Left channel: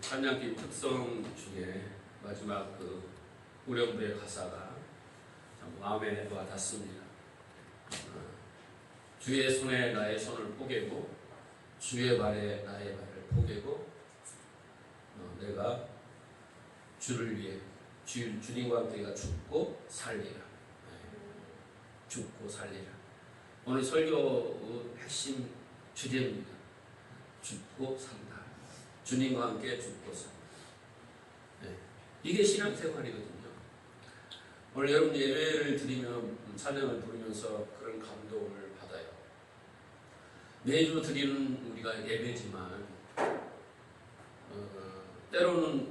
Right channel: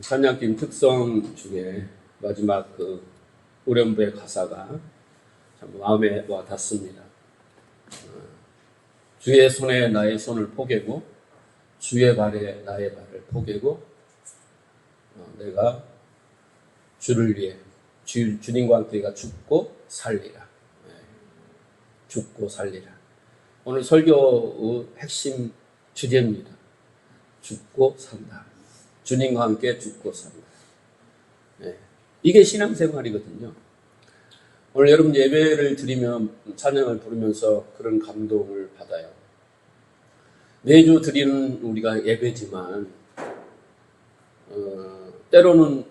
찬양팀 특성 중에 마지막 그 후렴부의 가사가 참 마음에 와 닿습니다. 주의 손에 나의 손을 포개고 주의 발에 나의 발을 포개고 내가 주를 위해 주님과 함께 내가 죽고 살리라. 죽고 살리라. 오늘 설교의 핵심 주제입니다. 죽고 산다. 주님과 함께 죽고 산다. 이게 신앙생활이거든요. 오늘 여러분 예배를 드리면 찬양을 부르면서 그런 감동을 받아요. 매주 드리는 우리가 예배지만 때로는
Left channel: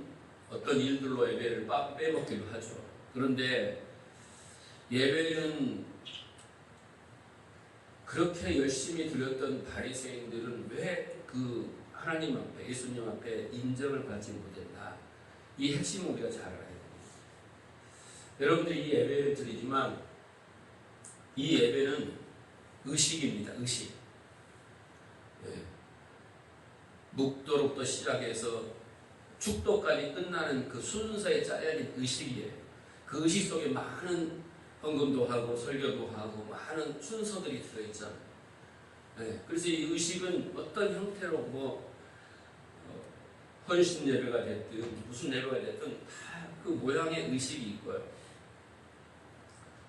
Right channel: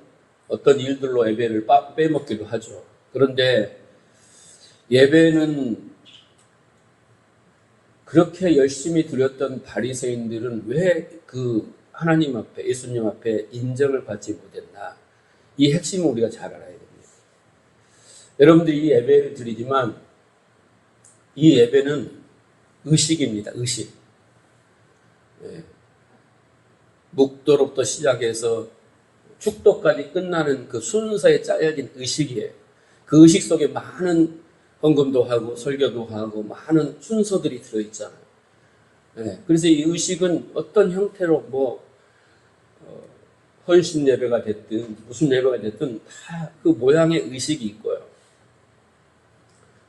어떤 일들로 예배를 빼먹기도 하죠. 그런데 예배는 그렇게 열심히 드렸던 바리새인들은 왜 그 하나님 앞에 예수님 앞에 인정을 받지 못했나? 이 핵심을 우리가 잘 알아야 됩니다. 여러분들 이 예배를 드리지만 이 예배는 의식입니다. 의식. 묵도로부터 시작해서 축도까지 끝나는 그 순서에 짜여진 의식이에요. 그 의식 속에 많은 헌금도 하고 설교도 하고 많은 순서들이 들어있잖아요. 그래서 이 의식은 어떤 형태로 헌신 예배가 됐든 무슨 예배가 됐든 다 그 모양의 의식이 있고요.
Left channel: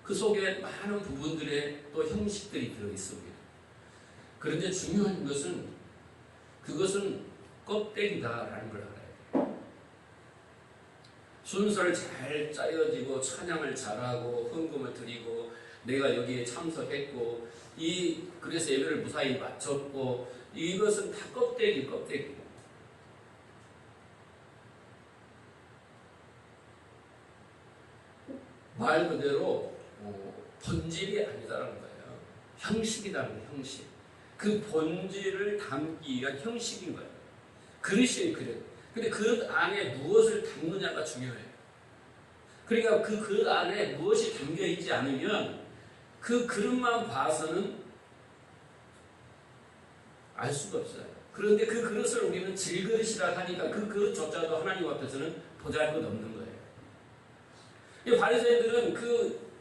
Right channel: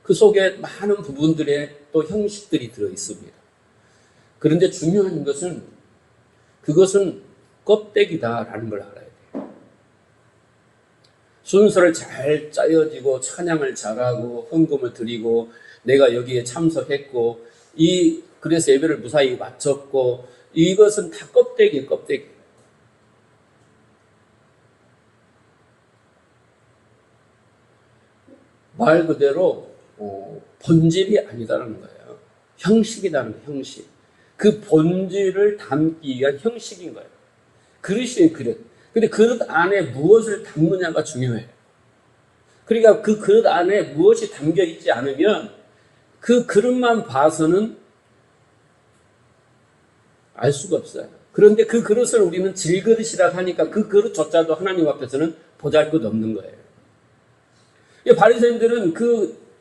그 속에 많은 부분들의 또 형식들이 들어있습니다. 그런데 중요한 것은 그것은 껍데기다라는 걸 알아야 돼요. 순서를 잘 짜여지고 찬양을 잘하고 헌금을 드리고 내가 여기에 참석했고 그래서 예배를 무사히 마쳤고 이것은 다 껍데기. 말 그대로 본질이 아니다라는 거예요. 형식이라는 거예요. 형식. 그 본질을 담기 위한 형식인 거예요. 그릇이에요. 그릇. 근데 그릇 안에 무엇을 담느냐가 중요해요. 그러니까 그 그릇 안에 무엇이 담겨 있지 않으면 그 그릇만 봐서는 알 수가 없어요. 그런데 그 그릇을 우리는 질그릇이라고 하니까 그 그릇조차도 하나님 앞에서는 보잘것없는 거예요. 바리새인들은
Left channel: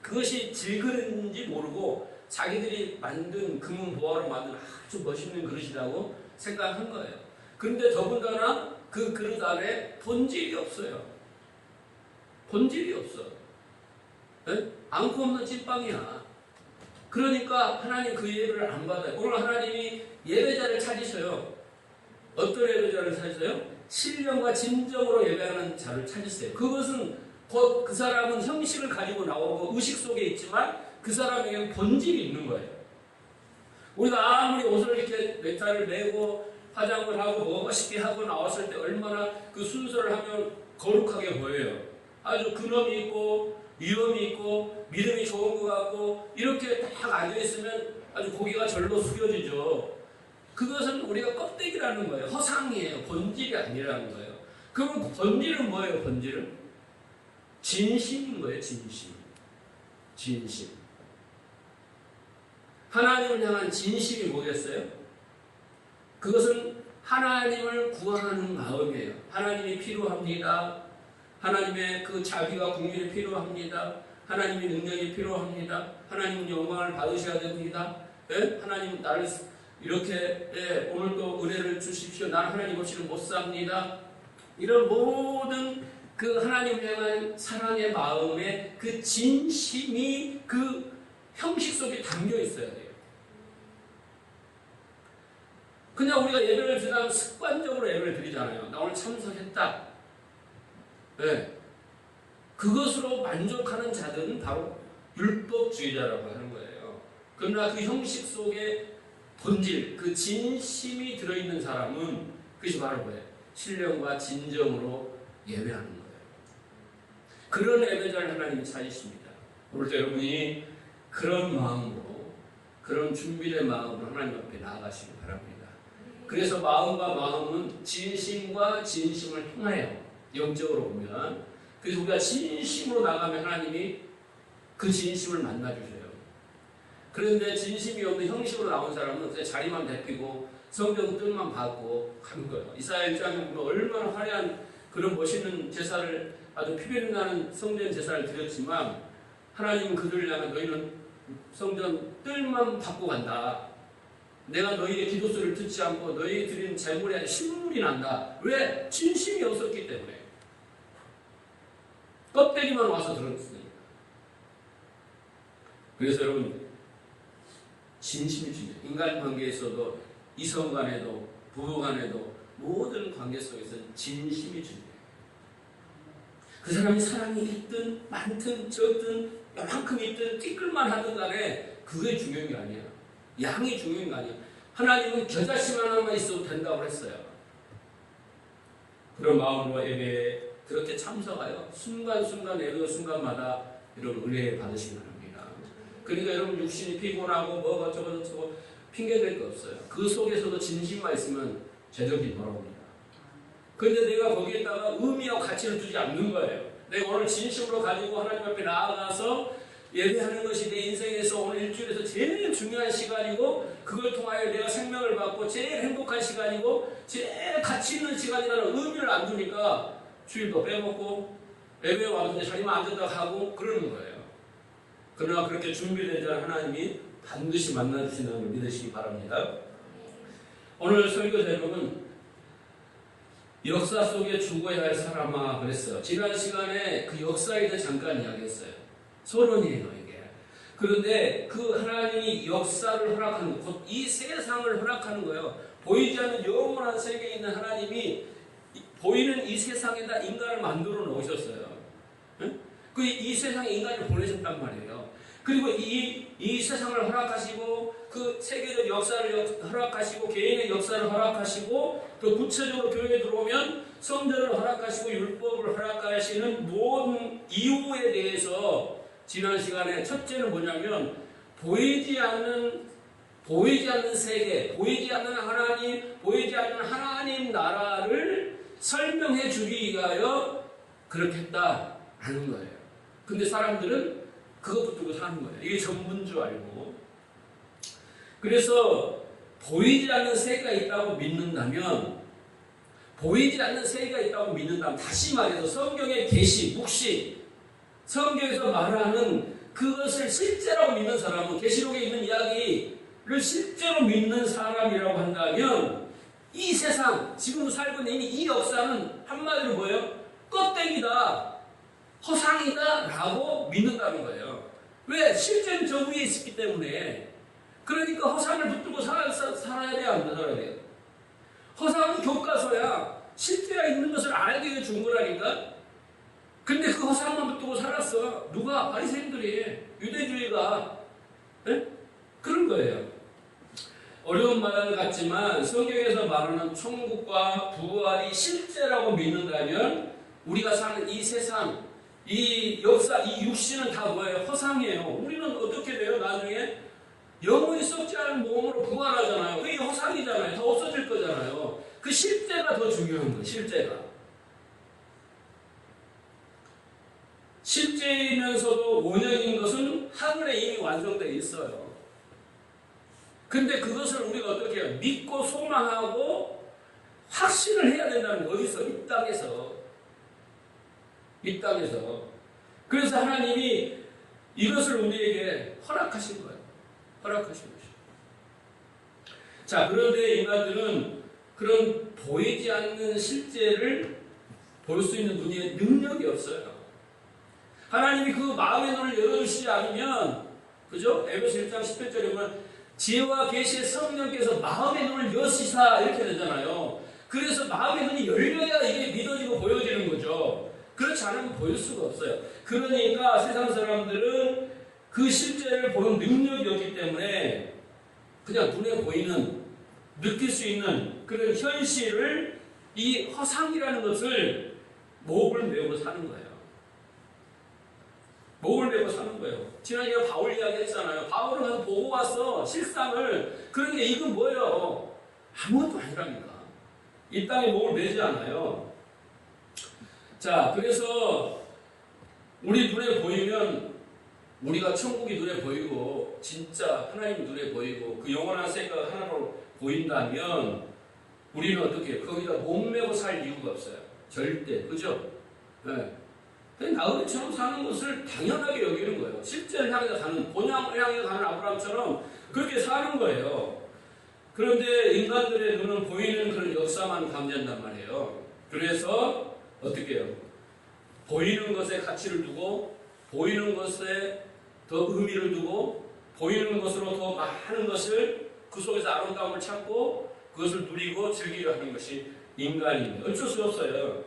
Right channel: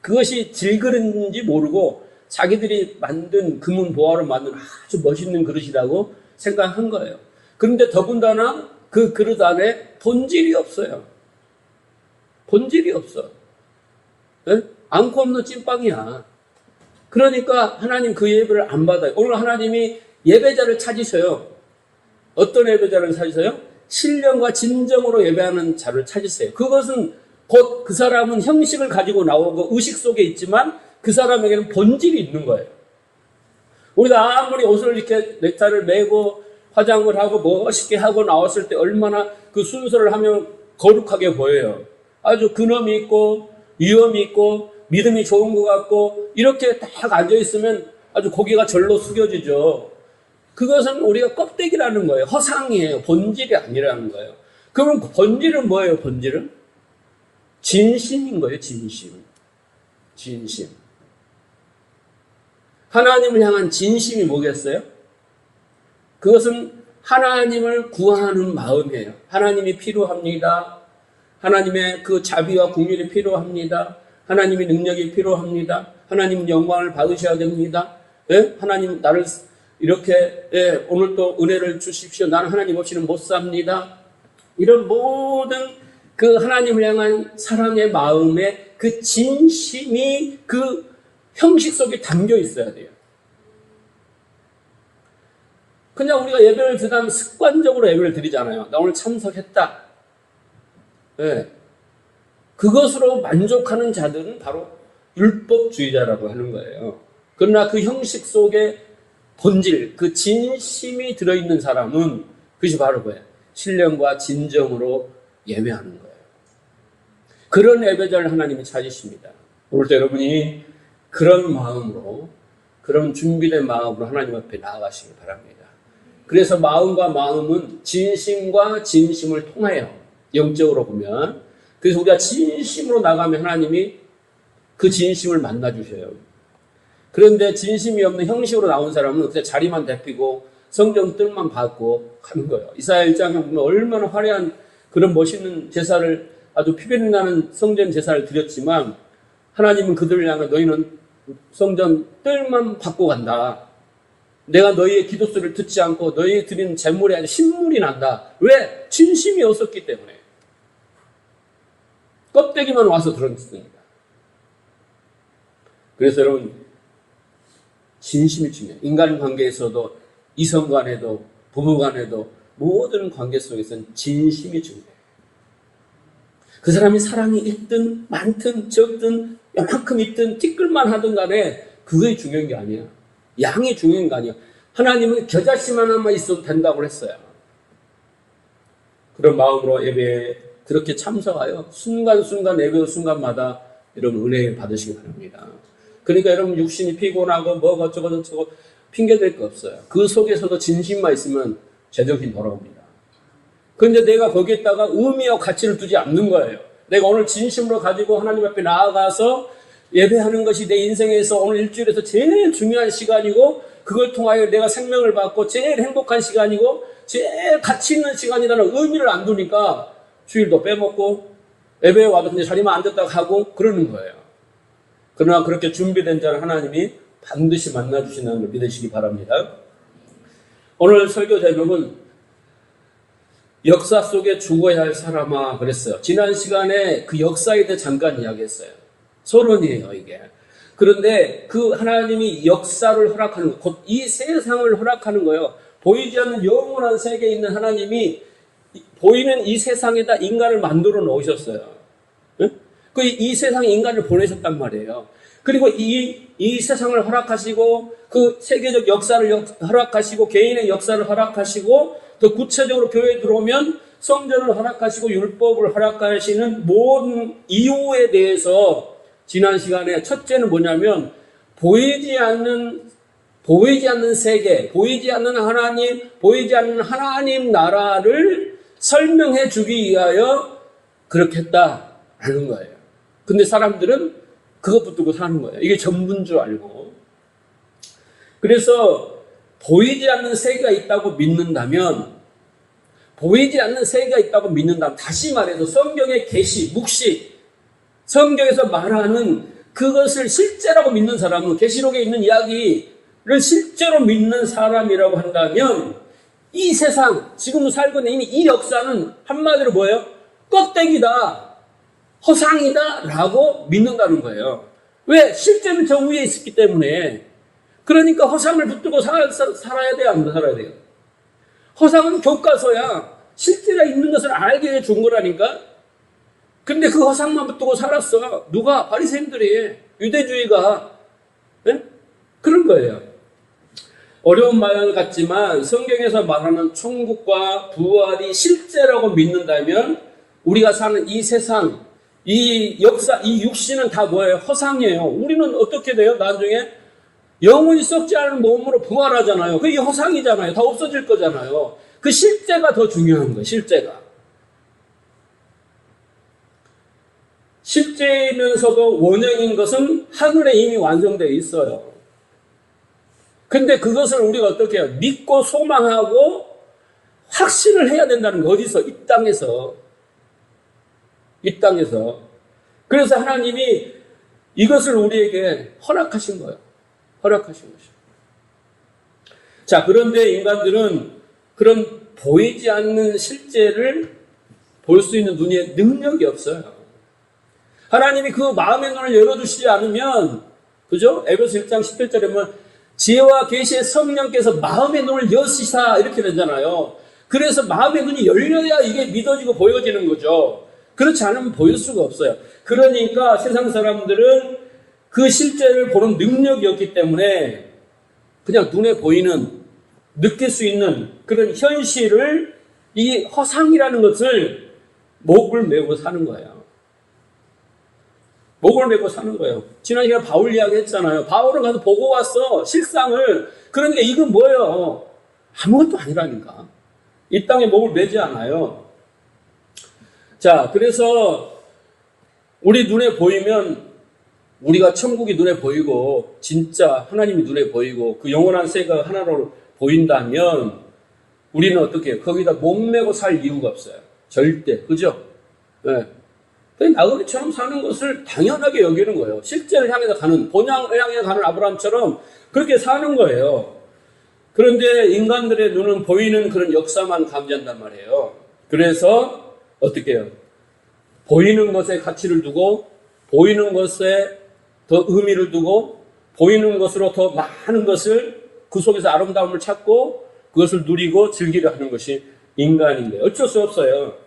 그것이 질그릇인지 모르고 자기들이 만든 금은 보화로 만든 아주 멋있는 그릇이라고 생각한 거예요. 그런데 더군다나 그 그릇 안에 본질이 없어요. 본질이 없어. 안고 없는 찐빵이야. 그러니까 하나님 그 예배를 안 받아요. 오늘 하나님이 예배자를 찾으셔요. 어떤 예배자를 찾으세요? 신령과 진정으로 예배하는 자를 찾으세요. 그것은 곧 그 사람은 형식을 가지고 나오고 의식 속에 있지만 그 사람에게는 본질이 있는 거예요. 우리가 아무리 옷을 이렇게 넥타이를 매고 화장을 하고 멋있게 하고 나왔을 때 얼마나 그 순서를 하면 거룩하게 보여요. 아주 근엄이 있고 위엄이 있고 믿음이 좋은 것 같고 이렇게 딱 앉아있으면 아주 고개가 절로 숙여지죠. 그것은 우리가 껍데기라는 거예요. 허상이에요. 본질이 아니라는 거예요. 그럼 본질은 뭐예요? 본질은? 진심인 거예요. 진심. 하나님을 향한 진심이 뭐겠어요? 그것은 하나님을 구하는 마음이에요. 하나님이 필요합니다. 하나님의 그 자비와 긍휼이 필요합니다. 하나님의 능력이 필요합니다. 하나님 영광을 받으셔야 됩니다. 하나님 나를 이렇게 오늘 또 은혜를 주십시오. 나는 하나님 없이는 못 삽니다. 이런 모든 그 하나님을 향한 사랑의 마음에 그 진심이 그 형식 속에 담겨 있어야 돼요. 그냥 우리가 예배를 드리면 습관적으로 예배를 드리잖아요. 나 오늘 참석했다. 그것으로 만족하는 자들은 바로 율법주의자라고 하는 거예요. 그러나 그 형식 속에 본질, 그 진심이 들어있는 사람은 그것이 바로 뭐예요? 신령과 진정으로 예배하는 거예요. 그런 예배자를 하나님이 찾으십니다. 오늘도 여러분이 그런 마음으로, 그런 준비된 마음으로 하나님 앞에 나아가시기 바랍니다. 그래서 마음과 마음은 진심과 진심을 통해요. 영적으로 보면. 그래서 우리가 진심으로 나가면 하나님이 그 진심을 만나주셔요. 그런데 진심이 없는 형식으로 나온 사람은 그냥 자리만 대피고 성경 뜰만 받고 가는 거예요. 이사야 1장에 보면 얼마나 화려한 그런 멋있는 제사를 아주 피변 나는 성전 제사를 드렸지만 하나님은 그들을 향해 너희는 성전 뜰만 받고 간다. 내가 너희의 기도 소리를 듣지 않고 너희 드린 재물이 아주 신물이 난다. 왜? 진심이 없었기 때문에. 껍데기만 와서 들었습니다. 그래서 여러분 진심이 중요해요. 인간관계에서도 이성 간에도 부부 간에도 모든 관계 속에서는 진심이 중요해요. 그 사람이 사랑이 있든 많든 적든 요만큼 있든 티끌만 하든 간에 그게 중요한 게 아니야. 양이 중요한 게 아니야. 하나님은 겨자씨 하나만 있어도 된다고 했어요. 그런 마음으로 예배에 그렇게 참석하여 순간순간 예배 순간마다 여러분 은혜를 받으시기 바랍니다. 그러니까 여러분 육신이 피곤하고 뭐 어쩌고 저쩌고 핑계댈 거 없어요. 그 속에서도 진심만 있으면 제정신이 돌아옵니다. 그런데 내가 거기에다가 의미와 가치를 두지 않는 거예요. 내가 오늘 진심으로 가지고 하나님 앞에 나아가서 예배하는 것이 내 인생에서 오늘 일주일에서 제일 중요한 시간이고 그걸 통하여 내가 생명을 받고 제일 행복한 시간이고 제일 가치 있는 시간이라는 의미를 안 두니까 주일도 빼먹고 예배에 와도 그냥 자리만 앉았다가 하고 그러는 거예요. 그러나 그렇게 준비된 자는 하나님이 반드시 만나주신다는 걸 믿으시기 바랍니다. 오늘 설교 제목은 역사 속에 죽어야 할 사람아 그랬어요. 지난 시간에 그 역사에 대해 잠깐 이야기했어요. 서론이에요 이게. 그런데 그 하나님이 역사를 허락하는 것, 곧 이 세상을 허락하는 거예요. 보이지 않는 영원한 세계에 있는 하나님이 보이는 이 세상에다 인간을 만들어 놓으셨어요. 이 세상에 인간을 보내셨단 말이에요. 그리고 이 세상을 허락하시고 그 세계적 역사를 허락하시고 개인의 역사를 허락하시고 더 구체적으로 교회에 들어오면 성전을 허락하시고 율법을 허락하시는 모든 이유에 대해서 지난 시간에 첫째는 뭐냐면 보이지 않는 세계, 보이지 않는 하나님, 보이지 않는 하나님 나라를 설명해 주기 위하여 그렇게 했다라는 거예요. 근데 사람들은 그것 붙들고 사는 거예요. 이게 전부인 줄 알고. 그래서 보이지 않는 세계가 있다고 믿는다면 다시 말해서 성경의 계시, 묵시, 성경에서 말하는 그것을 실제라고 믿는 사람은 계시록에 있는 이야기를 실제로 믿는 사람이라고 한다면 이 세상, 지금 살고 있는 이 역사는 한마디로 뭐예요? 껍데기다, 허상이다 라고 믿는다는 거예요. 왜? 실제는 저 위에 있었기 때문에. 그러니까 허상을 붙들고 살아야 돼요? 안 살아야 돼요? 허상은 교과서야. 실제가 있는 것을 알게 해준 거라니까. 근데 그 허상만 붙들고 살았어. 누가? 바리새인들이. 유대주의가. 네? 그런 거예요. 어려운 말 같지만 성경에서 말하는 천국과 부활이 실제라고 믿는다면 우리가 사는 이 세상, 이 역사, 이 육신은 다 뭐예요? 허상이에요. 우리는 어떻게 돼요? 나중에 영원히 썩지 않은 몸으로 부활하잖아요. 그게 허상이잖아요. 다 없어질 거잖아요. 그 실제가 더 중요한 거예요. 실제이면서도 원형인 것은 하늘에 이미 완성되어 있어요. 근데 그것을 우리가 어떻게 해요? 믿고 소망하고 확신을 해야 된다는 거. 어디서? 이 땅에서. 그래서 하나님이 이것을 우리에게 허락하신 거예요. 허락하신 것이에요. 자, 그런데 인간들은 그런 보이지 않는 실제를 볼 수 있는 눈에 능력이 없어요. 하나님이 그 마음의 눈을 열어주시지 않으면, 그죠? 에베소 1장 17절에 보면 지혜와 계시의 성령께서 마음의 눈을 여시사 이렇게 되잖아요. 그래서 마음의 눈이 열려야 이게 믿어지고 보여지는 거죠. 그렇지 않으면 보일 수가 없어요. 그러니까 세상 사람들은 그 실제를 보는 능력이 없기 때문에 그냥 눈에 보이는, 느낄 수 있는 그런 현실을, 이 허상이라는 것을 목을 메고 사는 거예요. 목을 메고 사는 거예요. 지난 시간에 바울 이야기 했잖아요. 바울은 가서 보고 왔어, 실상을. 그러니까 이건 뭐예요? 아무것도 아니라니까. 이 땅에 목을 매지 않아요. 자, 그래서 우리 눈에 보이면, 우리가 천국이 눈에 보이고 진짜 하나님이 눈에 보이고 그 영원한 세계가 하나로 보인다면 우리는 어떻게 해요? 거기다 목매고 살 이유가 없어요. 절대. 그죠? 네. 나그네처럼 사는 것을 당연하게 여기는 거예요. 실제를 향해서 가는, 본향을 향해 가는 아브라함처럼 그렇게 사는 거예요. 그런데 인간들의 눈은 보이는 그런 역사만 감지한단 말이에요. 그래서 어떻게 해요? 보이는 것에 가치를 두고, 보이는 것에 더 의미를 두고, 보이는 것으로 더 많은 것을 그 속에서 아름다움을 찾고 그것을 누리고 즐기려 하는 것이 인간인 거예요. 어쩔 수 없어요.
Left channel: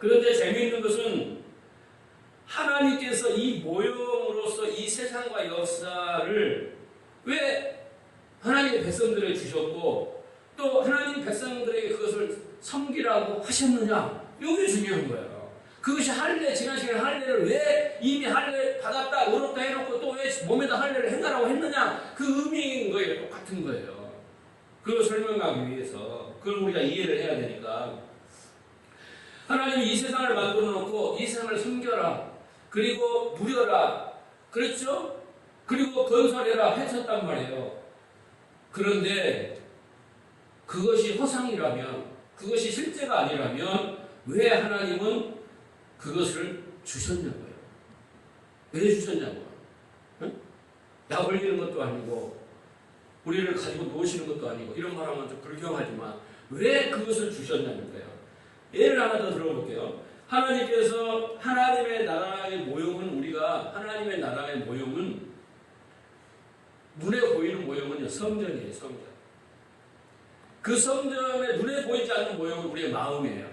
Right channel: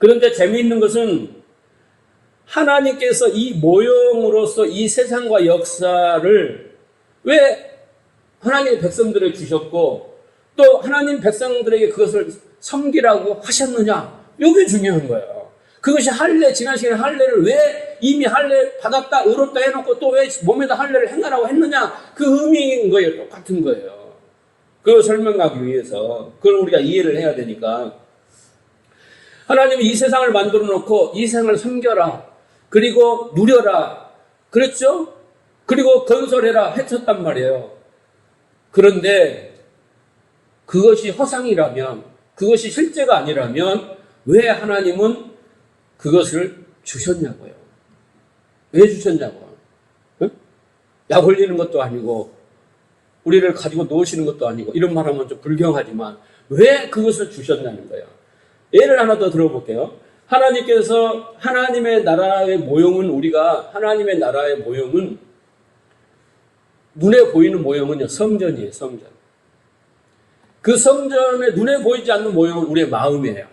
그런데 재미있는 것은 하나님께서 이 모형으로서 이 세상과 역사를 왜 하나님의 백성들을 주셨고 또 하나님 백성들에게 그것을 섬기라고 하셨느냐? 이게 중요한 거예요. 그것이 할례, 지난 시간에 할례를 왜 이미 할례 받았다, 의롭다 해놓고 또 왜 몸에다 할례를 행하라고 했느냐? 그 의미인 거예요. 똑같은 거예요. 그걸 설명하기 위해서. 그걸 우리가 이해를 해야 되니까. 하나님은 이 세상을 만들어 놓고 이 세상을 섬겨라. 그리고 누려라. 그랬죠? 그리고 건설해라. 해쳤단 말이에요. 그런데 그것이 허상이라면, 그것이 실제가 아니라면 왜 하나님은 그것을 주셨냐고요. 왜 주셨냐고요. 응? 약 올리는 것도 아니고 우리를 가지고 놓으시는 것도 아니고 이런 말하면 좀 불경하지만 왜 그것을 주셨냐는 거예요. 예를 하나 더 들어볼게요. 하나님께서 하나님의 나라의 모형은 우리가 하나님의 나라의 모형은 눈에 보이는 모형은요 성전이에요. 성전. 그 성전에 눈에 보이지 않는 모형은 우리의 마음이에요.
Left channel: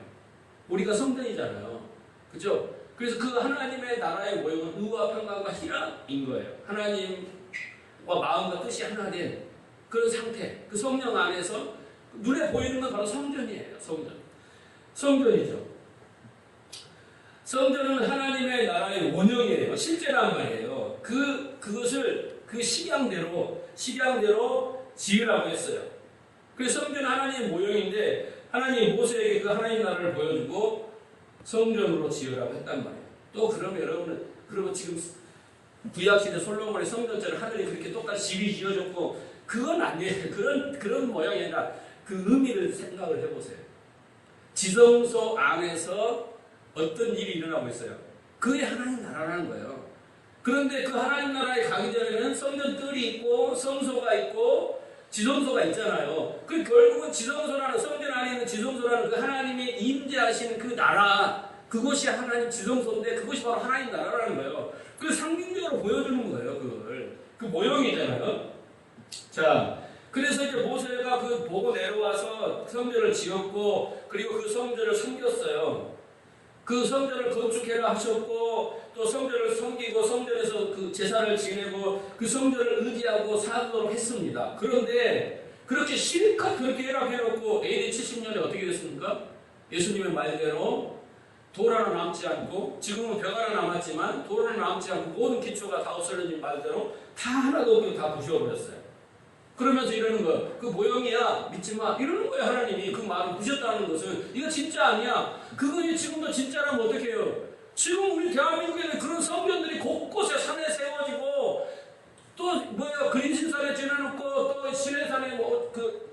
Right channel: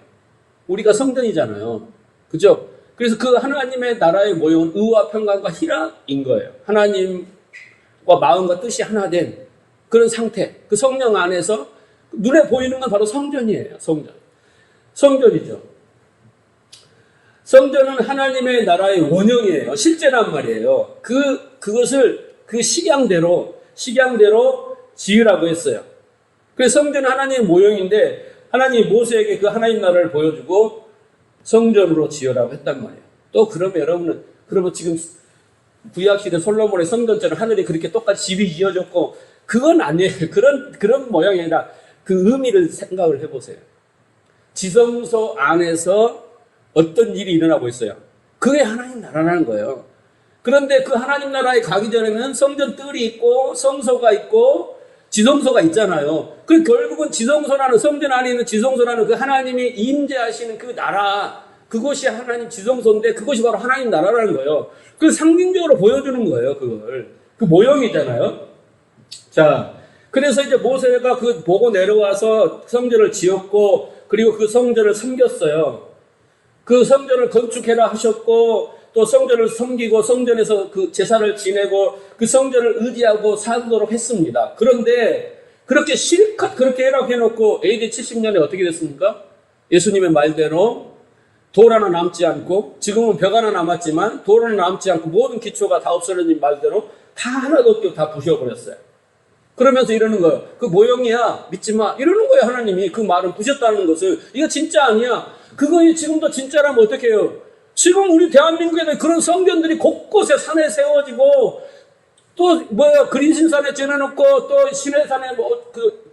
우리가 성전이잖아요. 그죠? 그래서 그 하나님의 나라의 모형은 의와 평강과 희락인 거예요. 하나님과 마음과 뜻이 하나 된 그런 상태. 그 성령 안에서 눈에 보이는 건 바로 성전이에요. 성전. 성전이죠. 성전은 하나님의 나라의 원형이에요. 실제란 말이에요. 그것을 그 식양대로 지으라고 했어요. 그래서 성전은 하나님의 모형인데 하나님이 모세에게 그 하나님 나라를 보여주고 성전으로 지으라고 했단 말이에요. 또 그러면 여러분은 그러면 지금 구약시대 솔로몬의 성전처럼 하늘이 그렇게 똑같이 집이 지어졌고 그건 아니에요. 그런 모양이 아니라 그 의미를 생각을 해보세요. 지성소 안에서 어떤 일이 일어나고 있어요. 그게 하나님 나라라는 거예요. 그런데 그 하나님 나라에 가기 전에는 성전 뜰이 있고 성소가 있고 지성소가 있잖아요. 그 결국은 지성소라는 성전 안에 있는 지성소라는 그 하나님이 임재하시는 그 나라, 그것이 하나님 지성소인데 그것이 바로 하나님 나라라는 거예요. 그걸 상징적으로 보여주는 거예요. 그걸 그 모형이잖아요. 자, 그래서 이제 모세가 그 보고 내려와서 성전을 지었고 그리고 그 성전을 섬겼어요. 그 성전을 건축해라 하셨고 또 성전을 섬기고 성전에서 그 제사를 지내고 그 성전을 의지하고 살도록 했습니다. 그런데 그렇게 실컷 그렇게 해라고 해놓고 AD 70년에 어떻게 됐습니까? 예수님의 말대로 돌 하나 남지 않고 지금은 벽 하나 남았지만 돌 하나 남지 않고 모든 기초가 다 없어진 말대로 다 하나도 없게 다 부셔버렸어요. 그러면서 이러는 거예요. 그 모형이야 믿지 마 이러는 거예요. 하나님이 그 말을 부셨다는 것을. 이거 진짜 아니야. 그거 지금도 진짜라면 어떻게 해요? 지금 우리 대한민국에는 그런 성전들이 곳곳에 산에 세워지고 또 그리신산에 지어놓고 또 시내산에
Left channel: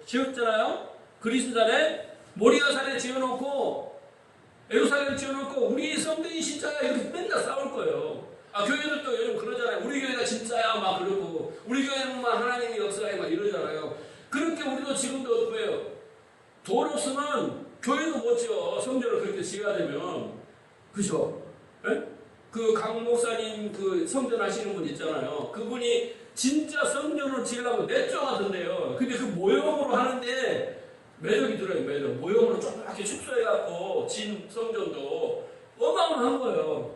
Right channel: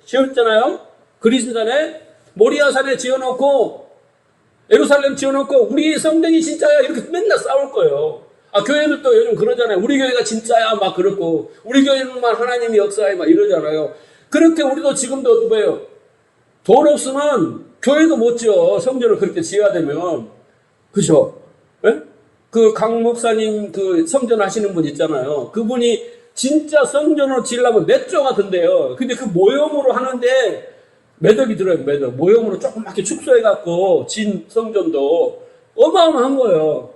지었잖아요. 그리신산에 모리아산에 지어놓고 예루살렘 지어놓고 우리 성전이 진짜야 이렇게 맨날 싸울 거예요. 아, 교회들도 요즘 그러잖아요. 우리 교회가 진짜야 막 그렇고 우리 교회는만 하나님이 역사해 막 이러잖아요. 그렇게 우리도 지금도 뭐예요? 돈 없으면 교회도 못 지어. 성전을 그렇게 지어야 되면. 그죠? 네? 그 강 목사님 그 성전 하시는 분 있잖아요. 그분이 진짜 성전으로 지으려면 몇 조가 든대요. 근데 그 모형으로 하는데 몇 억이 들어요. 몇 억. 모형으로 조그맣게 축소해갖고 진 성전도 어마어마한 거예요.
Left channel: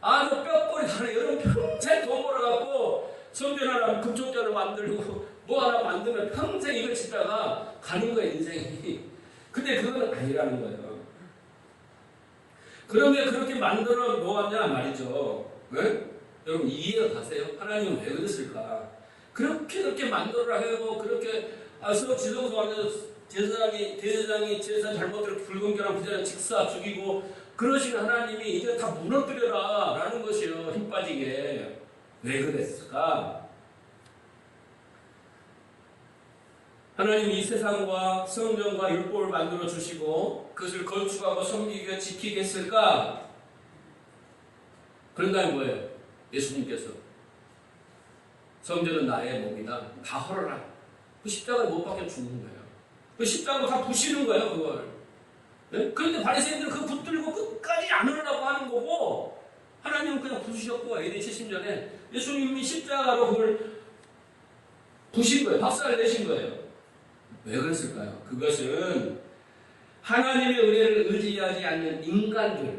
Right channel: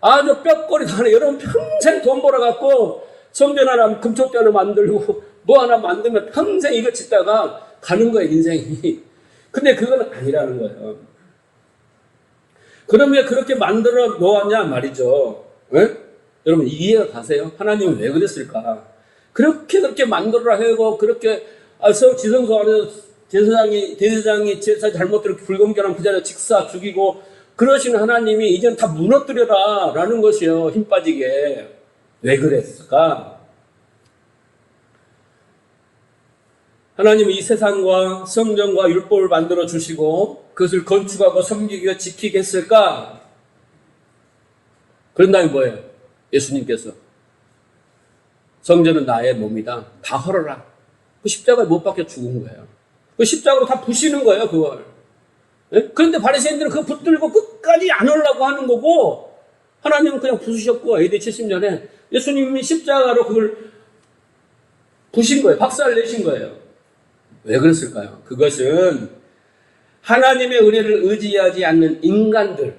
아, 저 뼈꼬리 다 하네. 여러분 평생 돈 벌어갖고 성전 하나 금초대를 만들고 뭐 하나 만들면 평생 이거 짓다가 가는 거예요, 인생이. 근데 그건 아니라는 거예요. 그럼 왜 그렇게 만들어 놓았냐 말이죠. 네? 여러분 이해가 가세요? 하나님은 왜 그랬을까? 그렇게 만들어라 하고 그렇게 지성소 안에서 대제사장이 제사 잘못대로 불공정한 그 자리에 직사 죽이고 그러시는 하나님이 이제는 다 무너뜨려라 라는 것이요. 힘 빠지게. 왜 그랬을까? 하나님은 이 세상과 성전과 율법을 만들어 주시고 그것을 건축하고 섬기고 지키겠을까? 그런 다음에 뭐예요? 예수님께서 성전은 나의 몸이다. 다 헐어라. 그 십자가에 못 박혀 죽은 거예요. 그 십자가로 다 부시는 거예요, 그걸. 네? 그런데 바리새인들은 그거 붙들고 끝까지 안 하려고 하는 거고 하나님은 그냥 부수셨고 AD 70년에 예수님이 십자가로 그걸 부신 거예요. 박살 내신 거예요. 왜 그랬을까요? 그것은 하나님의 은혜를 의지하지 않는 인간들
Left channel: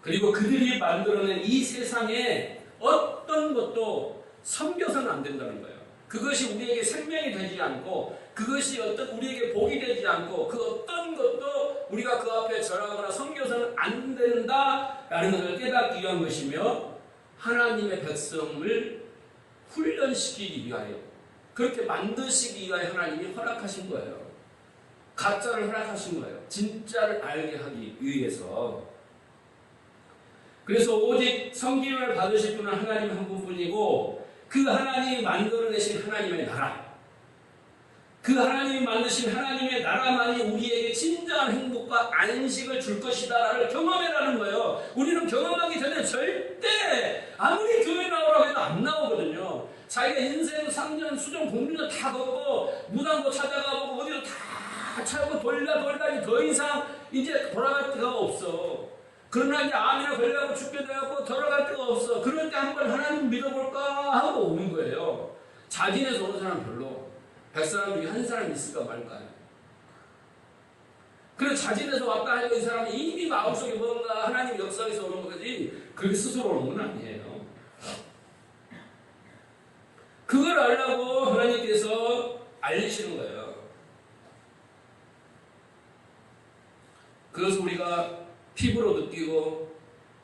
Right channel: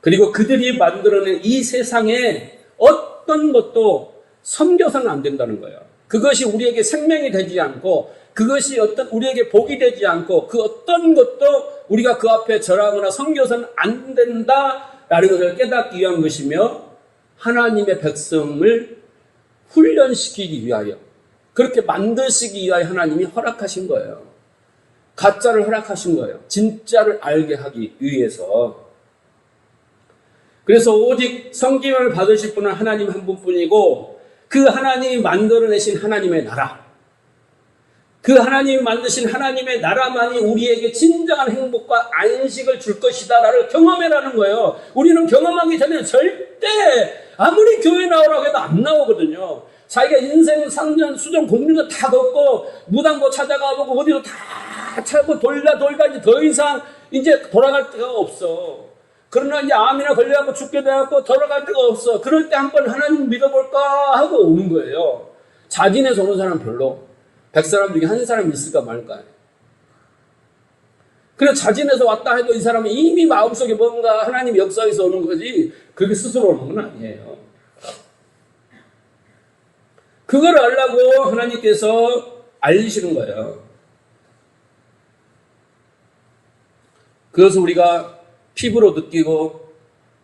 그리고 그들이 만들어낸 이 세상에 어떤 것도 섬겨서는 안 된다는 거예요. 그것이 우리에게 생명이 되지 않고 그것이 우리에게 복이 되지 않고 그 어떤 것도 우리가 그 앞에 절하거나 섬겨서는 안 된다라는 것을 깨닫기 위한 것이며 하나님의 백성을 훈련시키기 위하여 그렇게 만드시기 위하여 하나님이 허락하신 거예요. 가짜를 허락하신 거예요. 진짜를 알게 하기 위해서. 그래서 오직 성김을 받으실 분은 하나님 한 분뿐이고 그 하나님이 만들어내신 하나님의 나라 그 하나님이 만드신 하나님의 나라만이 우리에게 진정한 행복과 안식을 줄 것이다라를 경험해라는 거예요. 우리는 경험하기 전에 절대 아무리 교회 나오라고 해도 안 나오거든요. 자기가 인생 상전 수정 공륜을 다 걷고 무당도 찾아가보고 어디로 다 찾고 돌다니 더 이상 이제 돌아갈 데가 없어. 그러나 이제 암이나 걸려갖고 죽게 돼갖고 돌아갈 데가 없어. 그럴 때 한번 하나님 믿어볼까 하고 오는 거예요. 자진해서 오는 사람 별로. 100사람 중에 한 사람 있을까 말까요? 그래서 자진해서 왔다 해도 이 사람은 이미 마음속에 뭔가 하나님 역사에서 오는 거지 그렇게 스스로 오는 건 아니에요. 그걸 알라고 하나님께서 알리시는 거예요. 그것을 우리가 피부로 느끼고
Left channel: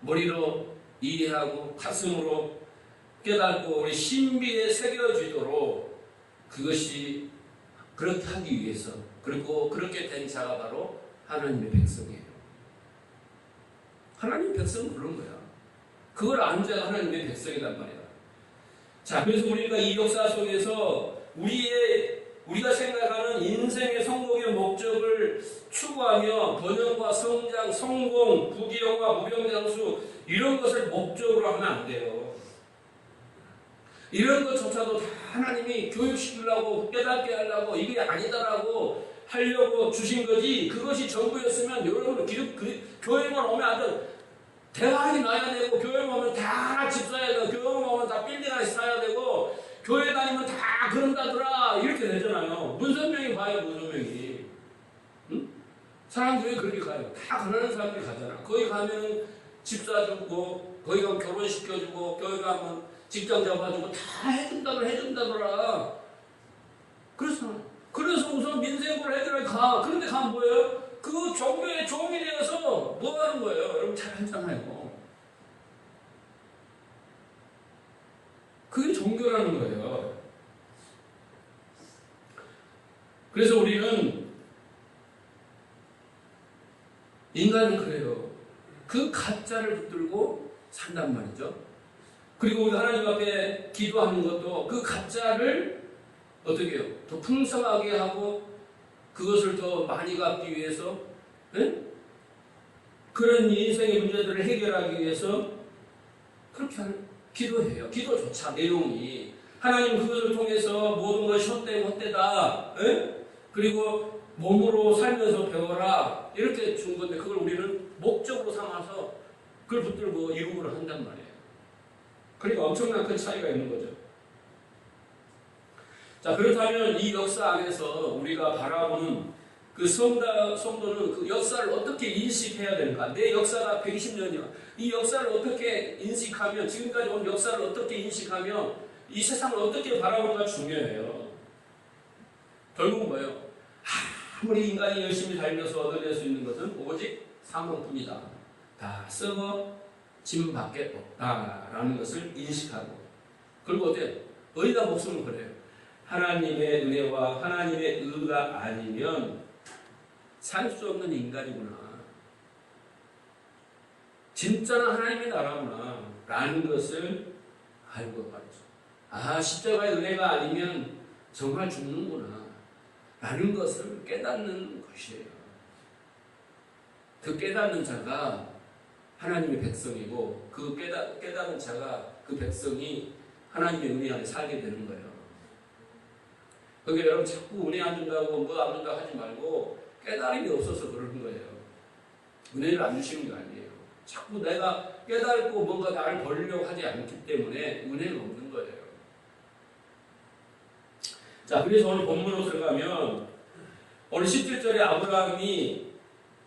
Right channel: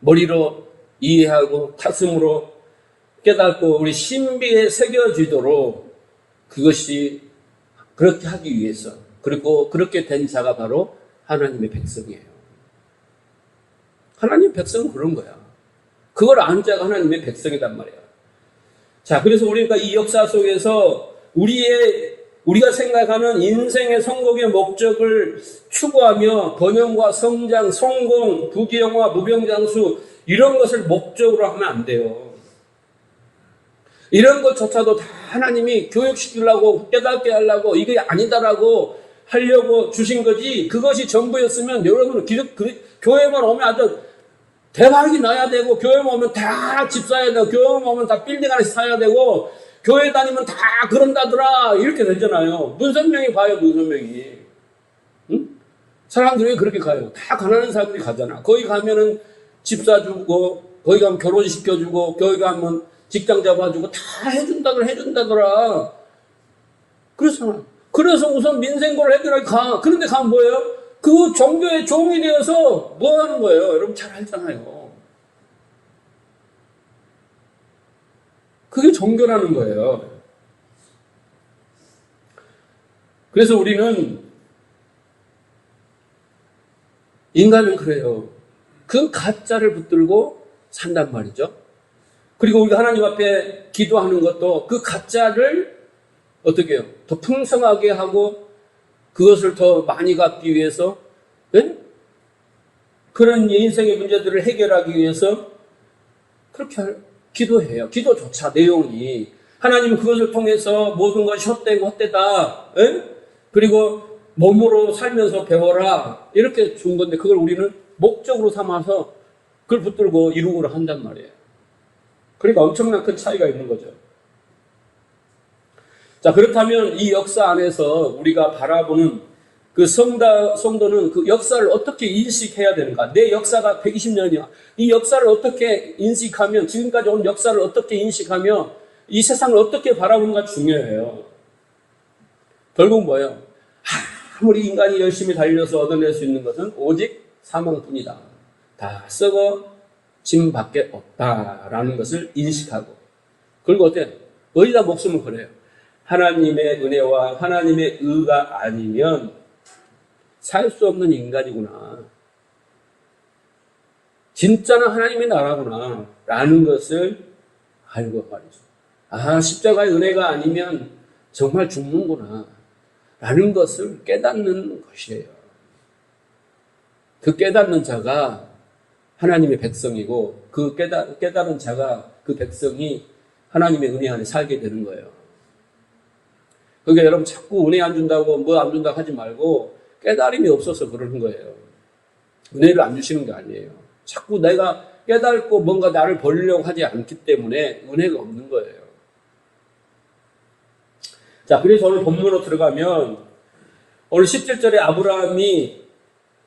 머리로 이해하고 가슴으로 깨닫고 우리 신비에 새겨지도록 그것이 그렇게 하기 위해서 그리고 그렇게 된 자가 바로 하나님의 백성이에요. 하나님의 백성은 그런 거야. 그걸 아는 자가 하나님의 백성이란 말이에요. 자, 그래서 우리가 이 역사 속에서 우리가 생각하는 인생의 성공의 목적을 추구하며 번영과 성장, 성공, 부귀영화, 무병장수 이런 것을 목적으로 하면 안 돼요. 이런 것조차도 다 하나님이 교육시키려고 깨닫게 하려고 이게 아니다라고 하려고 주신 거지 그것이 전부였으면 여러분은 교회만 오면 아주 대박이 나야 되고 교회만 오면 다 집 사야 되고 교회만 오면 다 빌딩 하나씩 사야 되고 교회 다니면 다 그런다더라 이렇게 되잖아요. 문선명이 가요. 문선명이. 응? 사람들이 왜 그렇게 가요? 다 가난한 사람들이 가잖아. 거기 가면은 집 사주고 거기 가면 결혼시켜주고 거기 가면 직장 잡아주고 다 해준다더라. 그렇잖아. 그래서 우선 민생고를 애들하게 가. 그런데 가면 뭐예요? 그 종교의 종이 되어서 뭐 하는 거예요? 여러분 잘 알잖아요. 그게 종교라는 거예요. 그래서 우리는 인간은 그래요. 그 가짜를 붙들고 산단 말이죠. 그리고 우리가 하나님 앞에 기도하는 것도 그 가짜를 어떻게 해요? 더 풍성하게 하고 그것을 더 많이 갖기 위해서 네? 그런 인생의 문제들을 해결하기 위해서 그렇게 기도해요. 기도조차 내용이 하나님 그것을 통해서 모든 것이 헛되다 네? 그리고 몸으로 살면서 배워라 이렇게 준 건데 그걸 우리는 목적으로 삼아서 그걸 붙들고 이루고를 한단 말이에요. 그러니까 엄청난 큰 차이가 있는 거죠. 자, 그렇다면 이 역사 안에서 우리가 바라보는 그 성도는 그 역사를 어떻게 인식해야 되는가? 내 역사가 120년이야. 이 역사를 어떻게 인식하면, 지금까지 온 역사를 어떻게 인식하며 이 세상을 어떻게 바라보는가 중요해요. 결국 뭐예요? 아무리 인간이 열심히 달려서 얻어낼 수 있는 것은 오직 사망뿐이다. 다 썩어 짐 밖에 없다라는 것을 인식하고 그리고 어때? 어디다 목숨을 걸어요? 하나님의 은혜와 하나님의 의가 아니면 살 수 없는 인간이구나. 진짜는 하나님의 나라구나 라는 것을 알고 말이죠. 아, 십자가의 은혜가 아니면 정말 죽는구나 라는 것을 깨닫는 것이에요. 그 깨닫는 자가 하나님의 백성이고 그 깨달은 자가 그 백성이 하나님의 은혜 안에 살게 되는 거예요. 그러니까 여러분 자꾸 은혜 안 준다고 뭐 안 준다고 하지 말고 깨달음이 없어서 그러는 거예요. 은혜를 안 주시는 게 아니에요. 자꾸 내가 깨닫고 뭔가 나를 벌리려고 하지 않기 때문에 은혜가 없는 거예요. 자, 그래서 오늘 본문으로 들어가면 오늘 17절에 아브라함이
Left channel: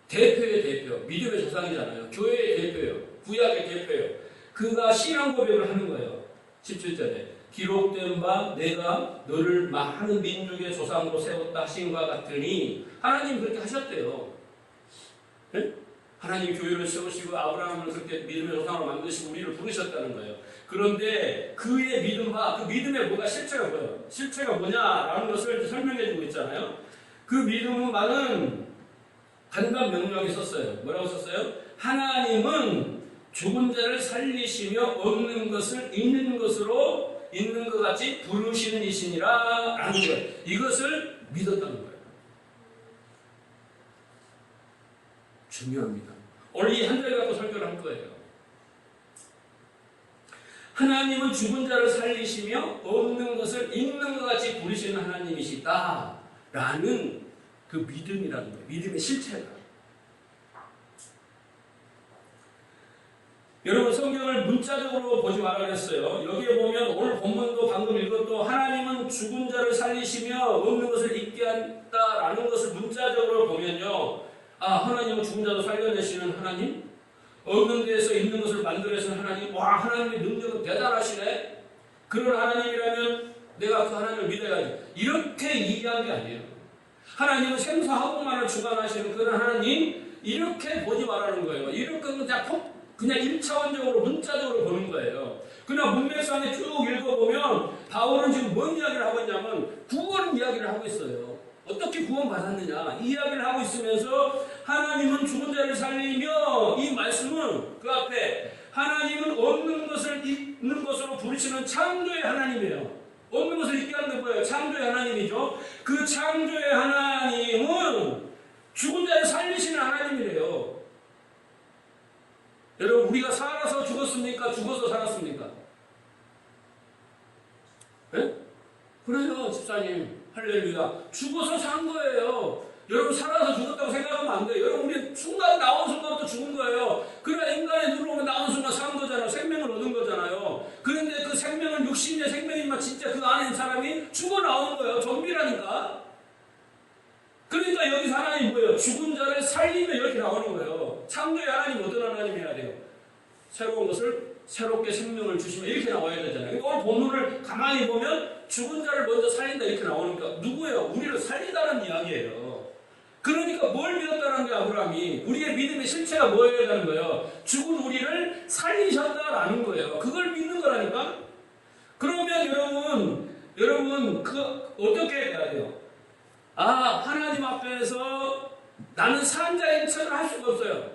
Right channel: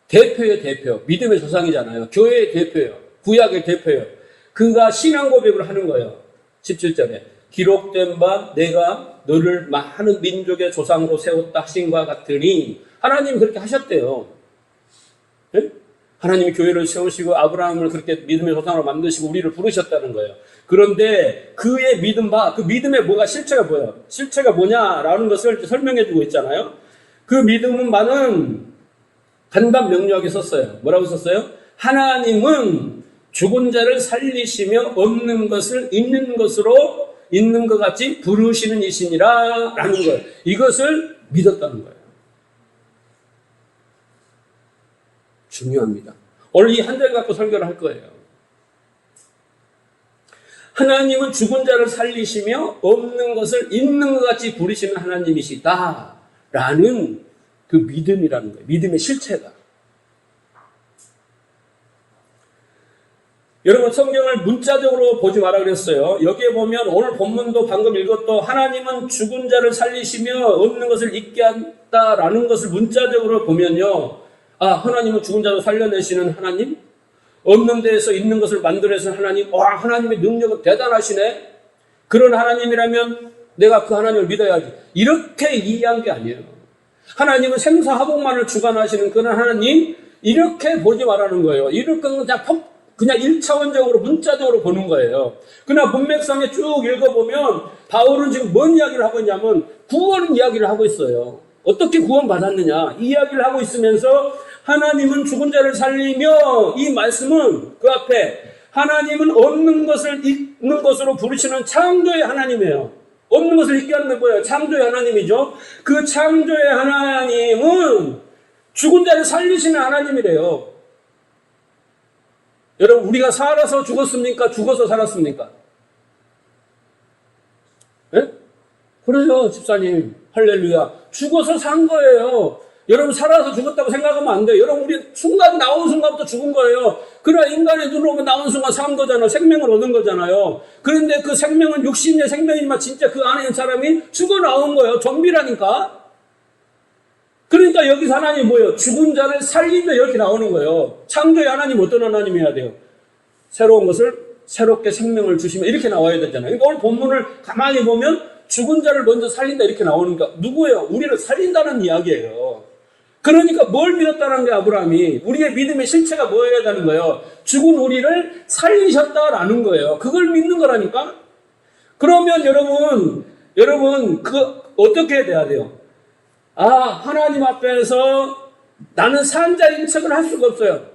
대표예요, 대표. 믿음의 조상이잖아요. 교회의 대표예요. 구약의 대표예요. 그가 신앙 고백을 하는 거예요. 17절에. 기록된 바 내가 너를 많은 민족의 조상으로 세웠다 하신 것 같으니 하나님이 그렇게 하셨대요. 네? 하나님이 교회를 세우시고 아브라함을 그렇게 믿음의 조상으로 만드시고 우리를 부르셨다는 거예요. 그런데 그의 믿음 바, 그 믿음의 뭐가 실체가 뭐예요? 실체가 뭐냐라는 것을 설명해 주고 있잖아요. 그 믿음은 많은 간단 명료하게 썼어요. 뭐라고 썼어요? 하나님은 죽은 자를 살리시며 없는 것을 있는 것으로 있는 것 같이 부르시는 이시니라 라는 거예요. 이것을 믿었다는 거예요. 중요합니다. 오늘 이 한 절 갖고 설교를 할 거예요. 하나님은 죽은 자를 살리시며 없는 것을 있는 것 같이 부르시는 하나님이시다 라는 그 믿음이라는 거예요. 믿음의 실체가. 여러분 성경을 문자적으로 보지 마라 그랬어요. 여기에 보면 오늘 본문도 방금 읽었던 하나님은 죽은 자를 살리시며 없는 것을 있게 한다라는 것을 문자적으로 보면요. 아, 하나님은 죽은 자를 살려내시는 하나님? 없는 데에서 있는 것을 만들어내시는 하나님? 와, 하나님의 능력은 대단하시네? 그런 하나님이라면 내가 그 하나님을 믿어야지. 이렇게 이해한 게 아니에요. 하나님은 생사화복만을 주관하시는 그런 하나님? 이렇게 보지 말라는 거예요. 이렇게 그냥 1차원적으로 문자적으로 보는 거예요. 그러나 문맥상에 쭉 읽어보면 바울은 지금 뭔 이야기를 하고 있냐면 구원 이야기를 하고 있어요. 어떻게 구원받았느냐 이 이야기를 하고 있으면서 하나님은 죽은 자를 살리며 이 말씀은 그 앞에 하나님은 없는 것을 있는 것으로 부르시는 창조의 하나님이에요. 없는 것을 있게 하는 게 뭐예요? 창조의 하나님이죠. 그 창조의 하나님은 죽은 자를 살리시는 하나님이래요. 여러분 우리가 살아서 죽었습니까? 죽어서 살았습니까? 네? 그러죠 집사님. 할렐루야. 죽어서 산 거예요. 여러분 살아서 죽었다고 생각하면 안 돼요. 여러분 우리 순간 나온 순간부터 죽은 거예요. 그러나 인간의 눈으로 나온 순간 산 거잖아요. 생명을 얻은 거잖아요. 그런데 그 생명은 육신의 생명이지만 진짜 그 안에 있는 사람이 죽어 나온 거예요. 좀비라니까. 그러니까 여기서 하나님이 뭐예요? 죽은 자를 살리며 이렇게 나오는 거예요. 창조의 하나님 어떤 하나님이어야 돼요? 새로운 것을 새롭게 생명을 주시며 이렇게 나와야 되잖아요. 그러니까 오늘 본문을 가만히 보면 죽은 자를 먼저 살린다 이렇게 나오니까 누구예요? 우리를 살린다는 이야기예요. 그러니까 뭘 믿었다는 게 아브라함이 우리의 믿음의 실체가 뭐여야 되는 거예요? 죽은 우리를 살리셨다라는 거예요. 그걸 믿는 거라니까. 그러면 여러분 그 어떻게 돼야 돼요? 아, 하나님 앞에서 나는 산자인 척을 할 수가 없어요.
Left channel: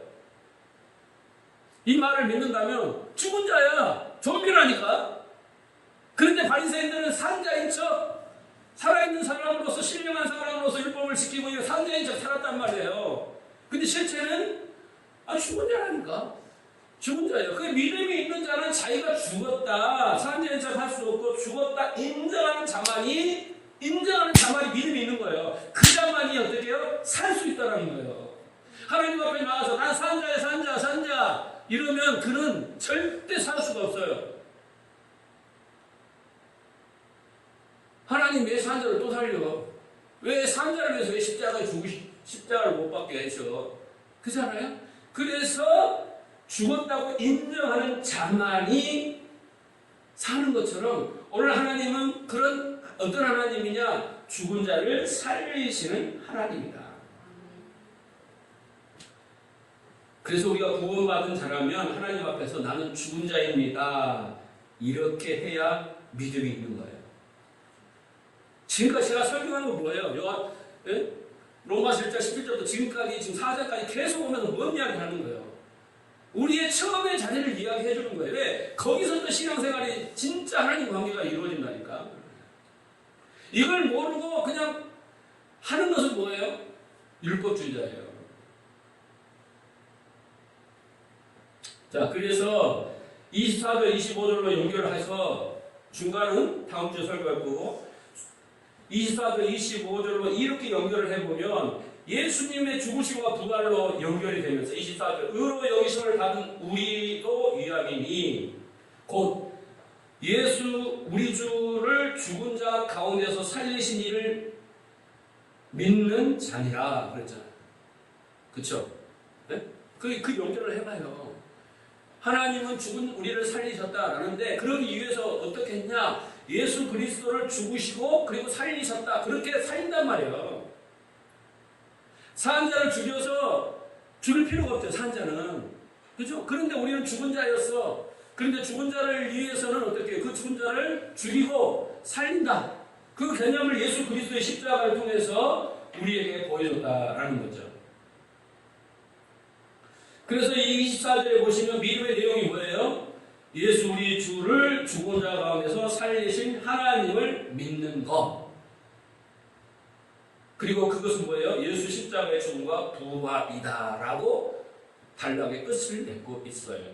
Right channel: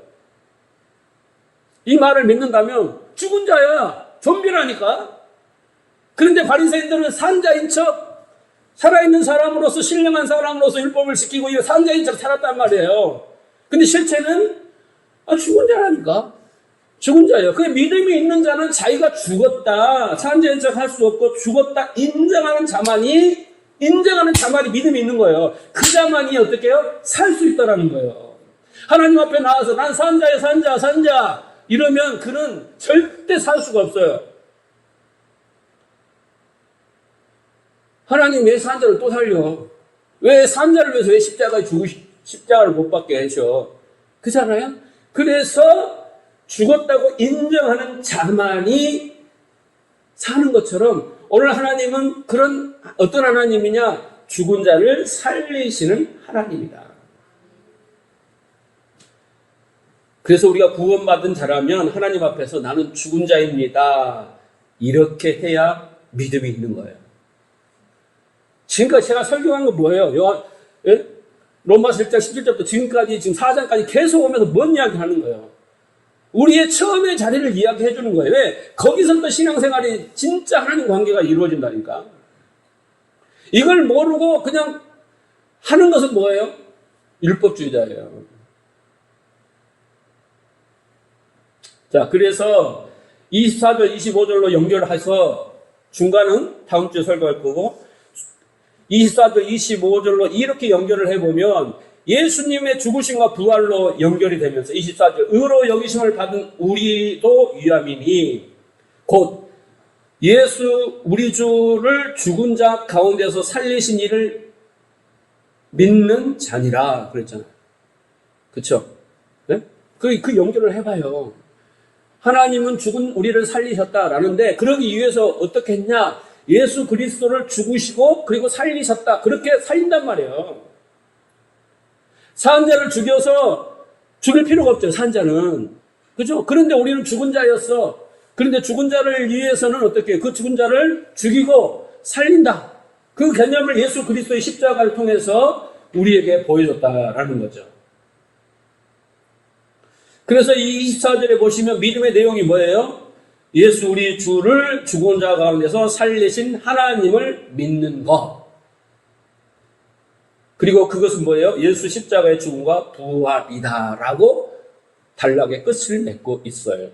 이 말을 믿는다면 죽은 자야. 좀비라니까. 그런데 바리새인들은 산자인 척, 살아있는 사람으로서 신령한 사람으로서 율법을 지키고 이 산자인 척 살았단 말이에요. 근데 실체는 죽은 자라니까. 죽은 자예요. 그 믿음이 있는 자는 자기가 죽었다, 산자인 척 할 수 없고 죽었다 인정하는 자만이 믿음이 있는 거예요. 그 자만이 어떻게 해요? 살 수 있다라는 거예요. 하나님 앞에 나와서 난 산자야, 산자 이러면 그는 절대 살 수가 없어요. 하나님 왜 산자를 또 살려? 왜 산자를 위해서 왜 십자가를 못 받게 하셔? 그잖아요? 그래서 죽었다고 인정하는 자만이 사는 것처럼 오늘 하나님은 그런 어떤 하나님이냐? 죽은 자를 살리시는 하나님이다. 그래서 우리가 구원받은 자라면 하나님 앞에서 나는 죽은 자입니다. 이렇게 해야 믿음이 있는 거예요. 지금까지 제가 설교한 건 뭐예요? 로마서 1장 17절부터 지금까지 지금 4장까지 계속 오면서 뭔 이야기 하는 거예요? 우리의 처음의 자리를 이야기해 주는 거예요. 왜? 거기서부터 신앙생활이 진짜 하나님 관계가 이루어진다니까. 이걸 모르고 그냥 하는 것은 뭐예요? 율법주의자예요. 자, 그래서 24절, 25절로 연결해서 중간은 다음 주에 설교할 거고 24절, 25절로 이렇게 연결을 해보면 예수님의 죽으심과 부활로 연결이 되면서 24절 의로 여기심을 받은 우리도 유함이니 곧 예수 우리 주를 죽은 자 가운데서 살리신 이를 믿는 자니라 그랬잖아요. 그렇죠? 네? 그 연결을 해봐요. 하나님은 죽은 우리를 살리셨다라는데 그러기 위해서 어떻게 했냐? 예수 그리스도를 죽으시고 그리고 살리셨다. 그렇게 살린단 말이에요. 산자를 죽여서 죽일 필요가 없죠. 산자는. 그죠? 그런데 우리는 죽은 자였어. 그런데 죽은 자를 위해서는 어떻게 그 죽은 자를 죽이고 살린다. 그 개념을 예수 그리스도의 십자가를 통해서 우리에게 보여줬다라는 거죠. 그래서 이 24절에 보시면 믿음의 내용이 뭐예요? 예수 우리 주를 죽은 자 가운데서 살리신 하나님을 믿는 것. 그리고 그것은 뭐예요? 예수 십자가의 죽음과 부활이다라고 단락의 끝을 맺고 있어요.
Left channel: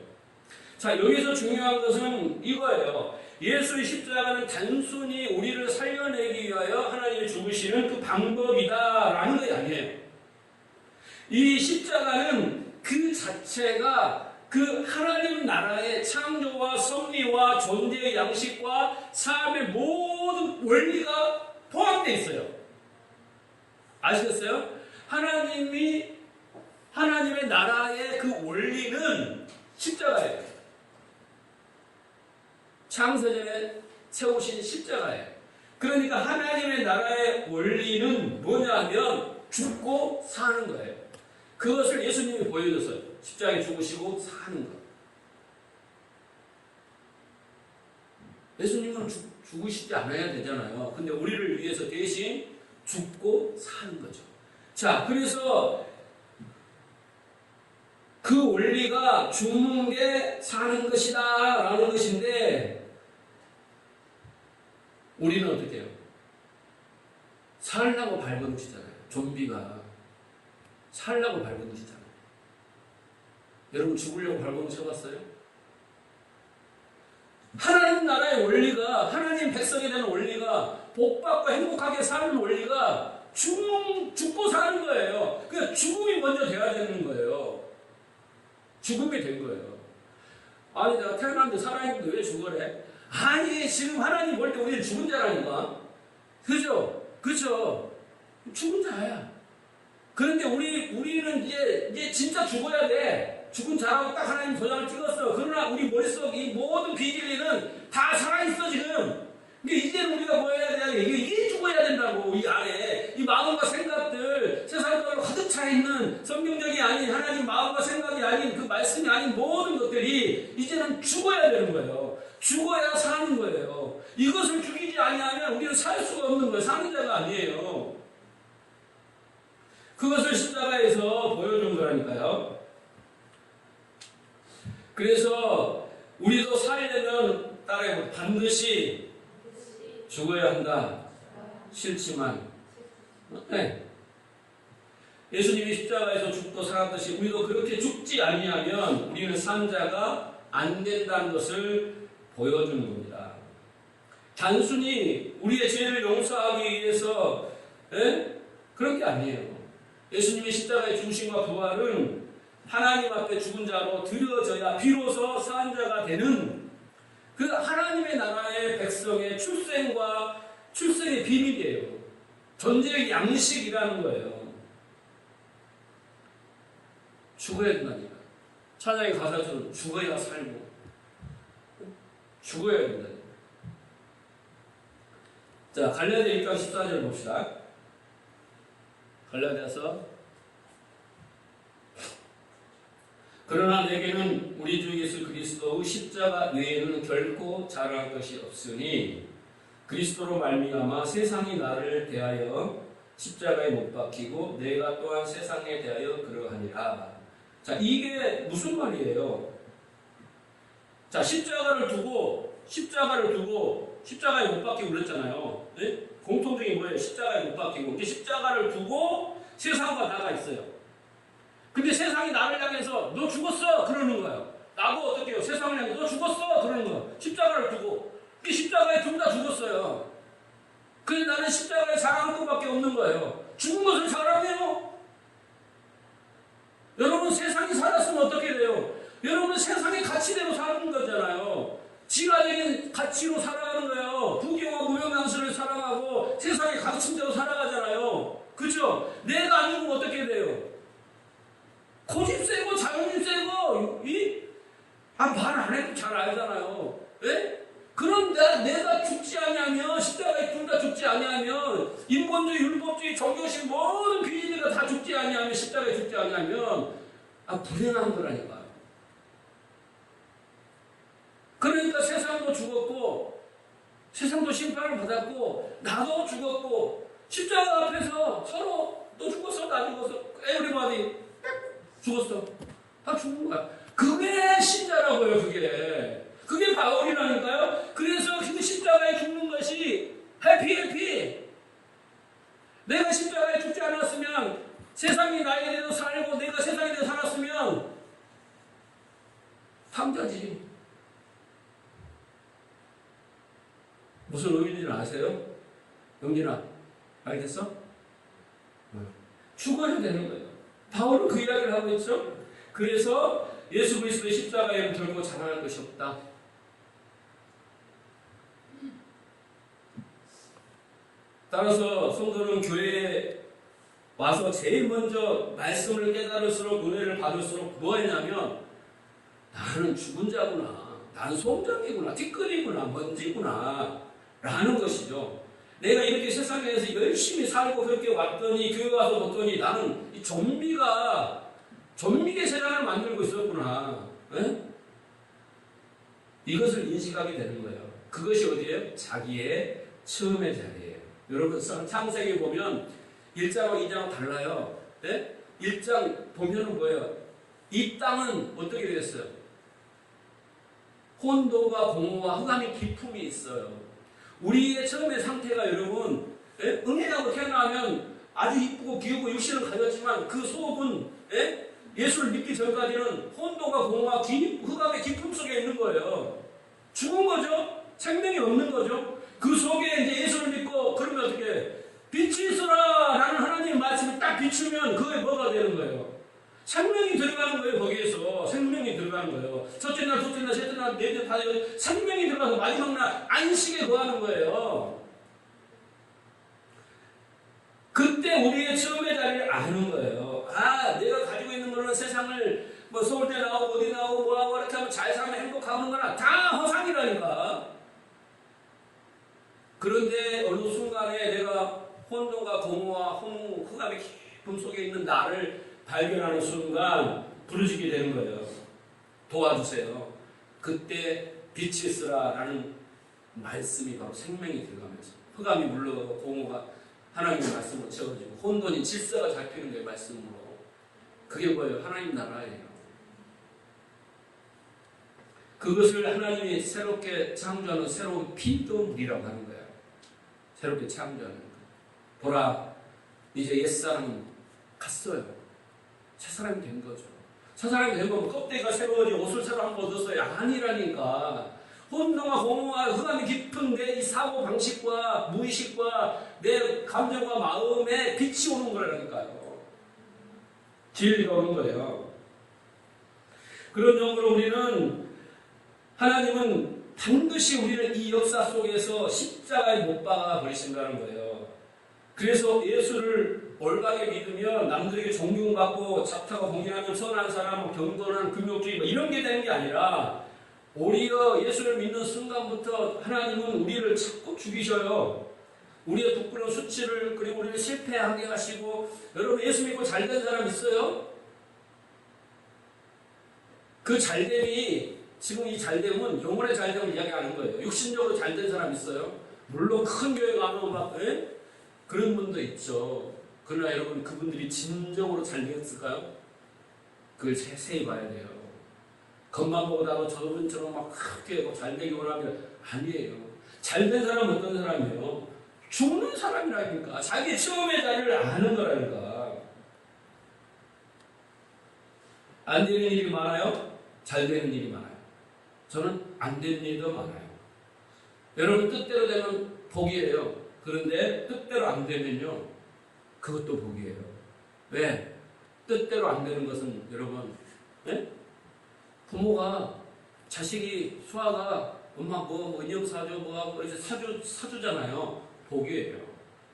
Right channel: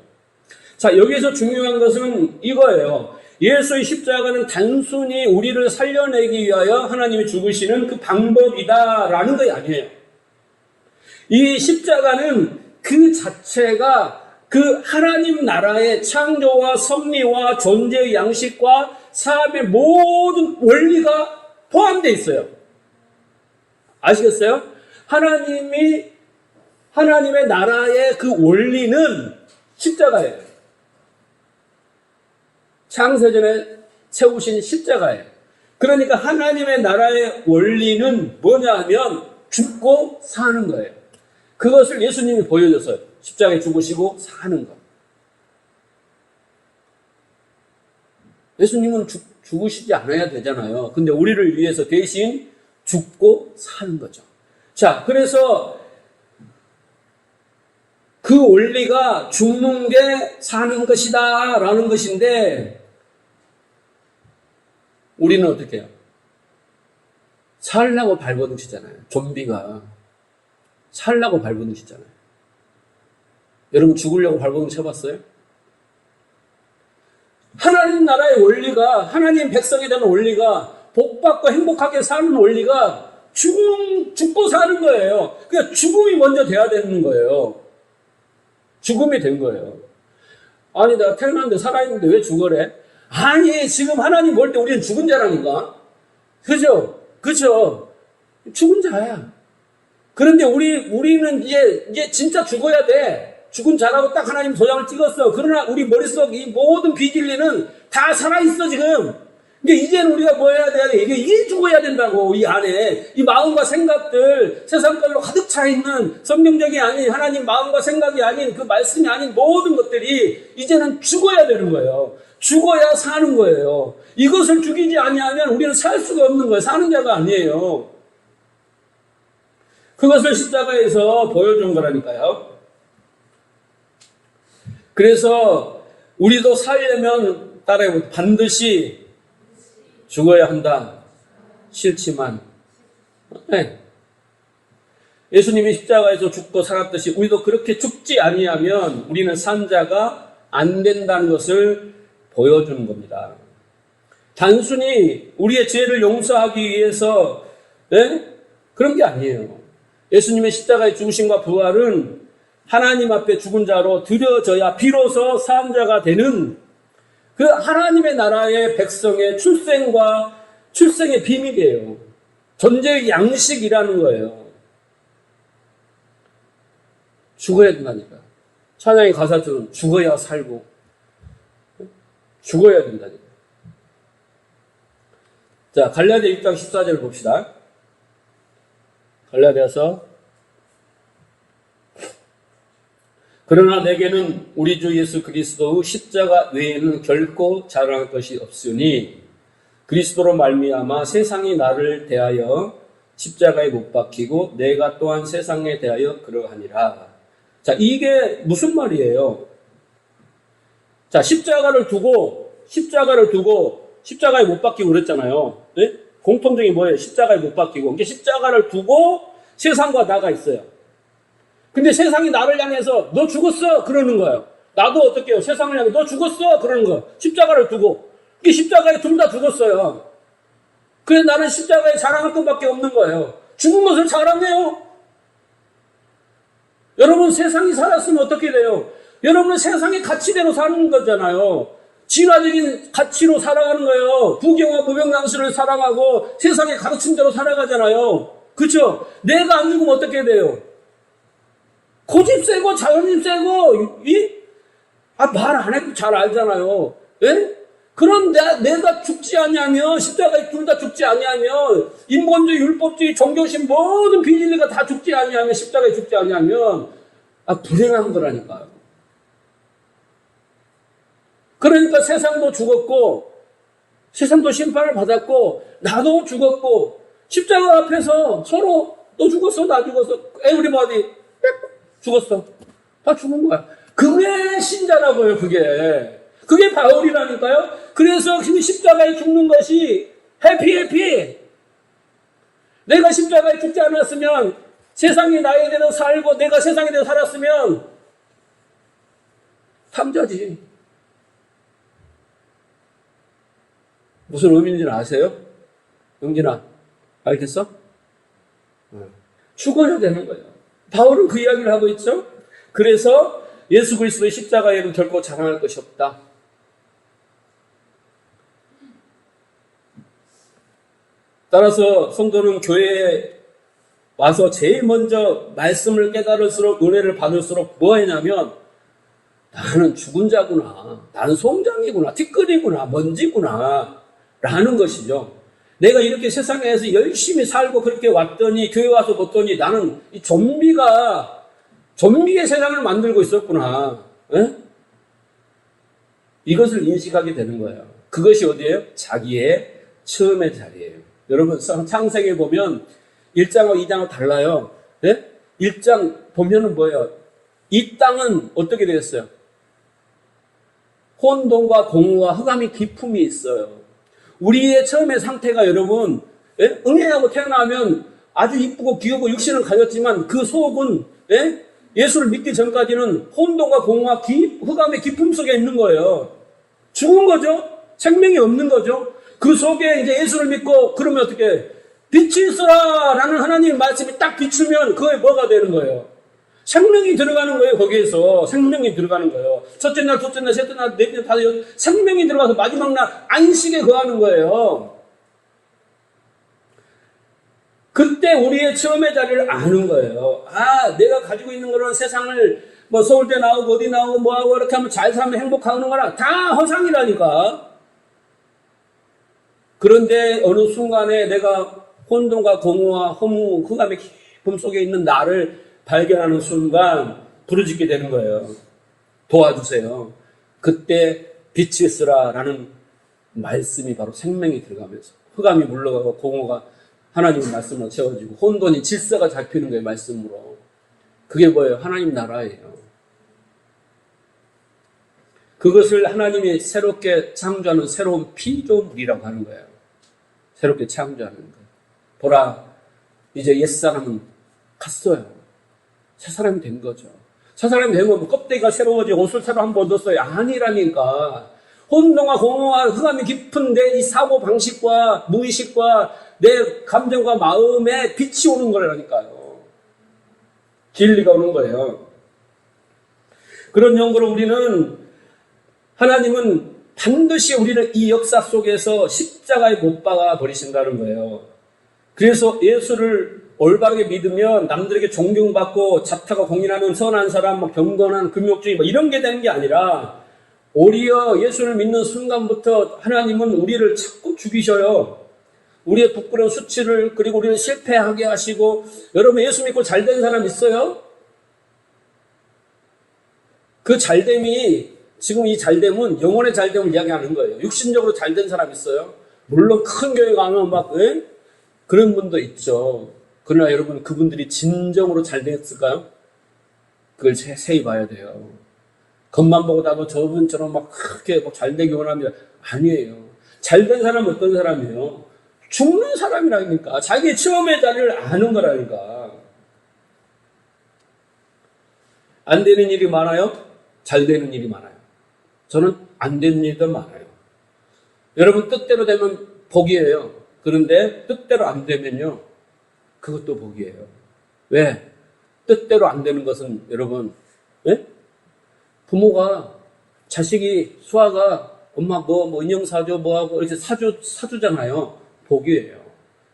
자, 여기서 중요한 것은 이거예요. 예수의 십자가는 단순히 우리를 살려내기 위하여 하나님이 죽으시는 그 방법이다라는 것이 아니에요. 이 십자가는 그 자체가 그 하나님 나라의 창조와 섭리와 존재의 양식과 사업의 모든 원리가 포함되어 있어요. 아시겠어요? 하나님의 나라의 그 원리는 십자가예요. 창세전에 세우신 십자가예요. 그러니까 하나님의 나라의 원리는 뭐냐 하면 죽고 사는 거예요. 그것을 예수님이 보여줬어요. 십자가에 죽으시고 사는 것. 예수님은 죽으시지 않아야 되잖아요. 근데 우리를 위해서 대신 죽고 사는 거죠. 자, 그래서 그 원리가 죽는 게 사는 것이다 라는 것인데 우리는 어떻게 해요? 살라고 발버둥치잖아요. 좀비가 살라고 발버둥치잖아요. 여러분 죽으려고 발버둥 쳐봤어요? 하나님 나라의 원리가 하나님 백성에 대한 원리가 복받고 행복하게 사는 원리가 죽고 사는 거예요. 그러니까 죽음이 먼저 돼야 되는 거예요. 죽음이 된 거예요. 아니 내가 태어났는데 살아있는데 왜 죽으래? 아니 지금 하나님 볼 때 우리는 죽은 자라니까. 그죠? 그죠? 죽은 자야. 그런데 우리는 이제 진짜 죽어야 돼. 죽은 자라고 딱 하나님 도장을 찍었어. 그러나 우리 머릿속 이 모든 비질리는 다 살아있어 지금. 근데 이제는 우리가 뭐 해야 돼? 이게 죽어야 된다고. 이 안에 이 마음과 생각들 세상별로 가득 차 있는 성경적이 아닌 하나님 마음과 생각이 아닌 그 말씀이 아닌 모든 것들이 이제는 죽어야 되는 거예요. 죽어야 사는 거예요. 이것을 죽이지 아니하면 우리는 살 수가 없는 거예요. 사는 자가 아니에요. 그것을 십자가에서 보여준 거라니까요. 그래서 우리도 살려면 따라해보면 반드시 죽어야 한다. 싫지만. 네. 예수님이 십자가에서 죽고 살았듯이 우리도 그렇게 죽지 아니하면 우리는 산 자가 안 된다는 것을 보여주는 겁니다. 단순히 우리의 죄를 용서하기 위해서 그런 게 아니에요. 예수님의 십자가의 죽으심과 부활은 하나님 앞에 죽은 자로 드려져야 비로소 산 자가 되는 그 하나님의 나라의 백성의 출생의 비밀이에요. 존재의 양식이라는 거예요. 죽어야 된다니까. 찬양의 가사처럼 죽어야 살고 죽어야 된다니까. 자, 갈라디아 6장 14절을 봅시다. 갈라디아서 그러나 내게는 우리 주 예수 그리스도의 십자가 외에는 결코 자랑할 것이 없으니 그리스도로 말미암아 세상이 나를 대하여 십자가에 못 박히고 내가 또한 세상에 대하여 그러하니라. 자, 이게 무슨 말이에요? 자, 십자가를 두고 십자가에 못 박히고 그랬잖아요. 네? 공통적인 뭐예요? 십자가에 못 박히고. 이게 십자가를 두고 세상과 나가 있어요. 근데 세상이 나를 향해서 너 죽었어! 그러는 거예요. 나도 어떻게 해요? 세상을 향해 너 죽었어! 그러는 거예요. 십자가를 두고. 이게 십자가에 둘 다 죽었어요. 그래서 나는 십자가에 자랑할 것밖에 없는 거예요. 죽은 것을 자랑해요. 여러분 세상이 살았으면 어떻게 돼요? 여러분은 세상의 가치대로 사는 거잖아요. 진화적인 가치로 살아가는 거예요. 부경과 무병장수를 사랑하고 세상의 가르침대로 살아가잖아요. 그렇죠? 내가 안 죽으면 어떻게 돼요? 고집 세고 자존심 세고 말 안 해도 잘 알잖아요. 예? 그런 내가 죽지 아니하면 십자가에 둘 다 죽지 아니하면 인본주의, 율법주의, 종교심 모든 비진리가 다 죽지 아니하면 십자가에 죽지 아니하면 불행한 거라니까요. 그러니까 세상도 죽었고 세상도 심판을 받았고 나도 죽었고 십자가 앞에서 서로 너 죽었어 나 죽었어 에브리바디 죽었어 다 죽은 거야. 그게 신자라고요. 그게 바울이라니까요. 그래서 십자가에 죽는 것이 해피. 내가 십자가에 죽지 않았으면 세상이 나에 대해서 살고 내가 세상에 대해서 살았으면 탐자지. 무슨 의미인지는 아세요? 영진아 알겠어? 죽어야 되는 거예요. 바울은 그 이야기를 하고 있죠. 그래서 예수 그리스도의 십자가에는 결코 자랑할 것이 없다. 따라서 성도는 교회에 와서 제일 먼저 말씀을 깨달을수록 은혜를 받을수록 뭐 했냐면 나는 죽은 자구나. 나는 송장이구나. 티끌이구나. 먼지구나. 라는 것이죠. 내가 이렇게 세상에서 열심히 살고 그렇게 왔더니 교회 와서 봤더니 나는 이 좀비의 세상을 만들고 있었구나. 에? 이것을 인식하게 되는 거예요. 그것이 어디예요? 자기의 처음의 자리예요. 여러분 창세기에 보면 1장하고 2장하고 달라요. 네? 1장 보면은 뭐예요? 이 땅은 어떻게 되겠어요? 혼돈과 공허와 흑암이 기품이 있어요. 우리의 처음의 상태가 여러분 응애하고 태어나면 아주 이쁘고 귀엽고 육신을 가졌지만 그 속은 예수를 믿기 전까지는 혼돈과 공허와 흑암의 기품 속에 있는 거예요. 죽은 거죠. 생명이 없는 거죠. 그 속에 이제 예수를 믿고 그러면 어떻게 빛이 있어라 라는 하나님의 말씀이 딱 비추면 그게 뭐가 되는 거예요? 생명이 들어가는 거예요. 거기에서 생명이 들어가는 거예요. 첫째 날, 둘째 날, 셋째 날, 넷째 날, 다섯째 생명이 들어가서 마지막 날 안식에 거하는 거예요. 그때 우리의 처음의 자리를 아는 거예요. 내가 가지고 있는 거는 세상을 뭐 서울대 나오고 어디 나오고 뭐하고 이렇게 하면 잘 살면 행복하는 거랑 다 허상이라니까. 그런데 어느 순간에 내가 혼돈과 공허와 흑암의 기품 속에 있는 나를 발견하는 순간 부르짖게 되는 거예요. 도와주세요. 그때 빛이 있으라 라는 말씀이 바로 생명이 들어가면서 흑암이 물러가고 공허가 하나님의 말씀으로 채워지고 혼돈이 질서가 잡히는 거예요. 말씀으로. 그게 뭐예요? 하나님 나라예요. 그것을 하나님이 새롭게 창조하는 새로운 피조물이라고 하는 거예요. 새롭게 창조하는 거. 보라, 이제 옛사람은 갔어요. 새 사람이 된 거죠. 새 사람이 된 거면 껍데기가 새로워지고 옷을 새로 한번 얻었어요. 아니라니까. 혼동과 공허와 흑암이 깊은 내 이 사고 방식과 무의식과 내 감정과 마음에 빛이 오는 거라니까요. 진리가 오는 거예요. 그런 연구로 우리는 하나님은 반드시 우리를 이 역사 속에서 십자가에 못 박아 버리신다는 거예요. 그래서 예수를 올바르게 믿으면 남들에게 존경받고 자타가 공인하는 선한 사람, 경건한 금욕주의 이런 게 되는 게 아니라 오히려 예수를 믿는 순간부터 하나님은 우리를 자꾸 죽이셔요. 우리의 부끄러운 수치를 그리고 우리를 실패하게 하시고 여러분 예수 믿고 잘된 사람 있어요? 그 잘됨이 지금 이 잘됨은 영혼의 잘됨을 이야기하는 거예요. 육신적으로 잘된 사람 있어요? 물론 큰 교회 가면 그런 분도 있죠. 그러나 여러분 그분들이 진정으로 잘됐을까요? 그걸 세히 봐야 돼요. 겉만 보고 나도 저분처럼 그렇게 잘되기 원합니다. 아니에요. 잘된 사람은 어떤 사람이에요? 죽는 사람이라니까. 자기 처음의 자리를 아는 거라니까. 안 되는 일이 많아요? 잘 되는 일이 많아요. 저는 안 되는 일도 많아요. 여러분 뜻대로 되면 복이에요. 그런데 뜻대로 안 되면요, 그것도 복이에요. 왜? 뜻대로 안 되는 것은 여러분, 예? 부모가 자식이 수아가 엄마 뭐 인형 사줘 뭐하고 이렇게 사주잖아요. 복이에요.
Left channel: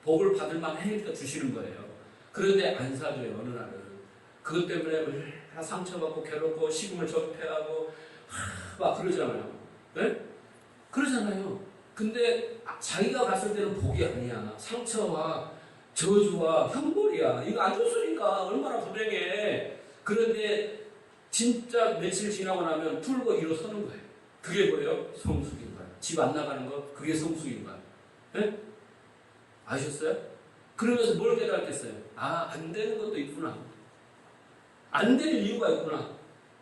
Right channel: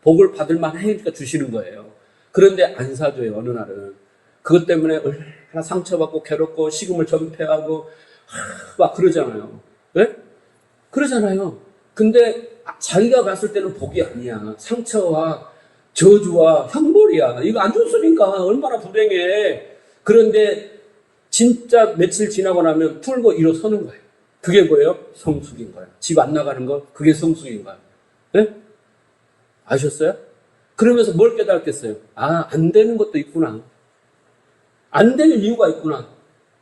복을 받을 만하니까 주시는 거예요. 그런데 안 사줘요. 어느 날은 그것 때문에 얼마나 상처받고 괴롭고 식음을 전폐하고 막 그러잖아요. 예? 그러잖아요. 근데 자기가 봤을 때는 복이 아니야. 상처와 저주와 형벌이야. 이거 안 줬으니까 얼마나 불행해. 그런데 진짜 며칠 지나고 나면 풀고 일어서는 거예요. 그게 뭐예요? 성숙인 거예요. 집 안 나가는 거, 그게 성숙인 거예요. 네? 아셨어요? 그러면서 뭘 깨달았겠어요? 아, 안 되는 것도 있구나. 안 될 이유가 있구나.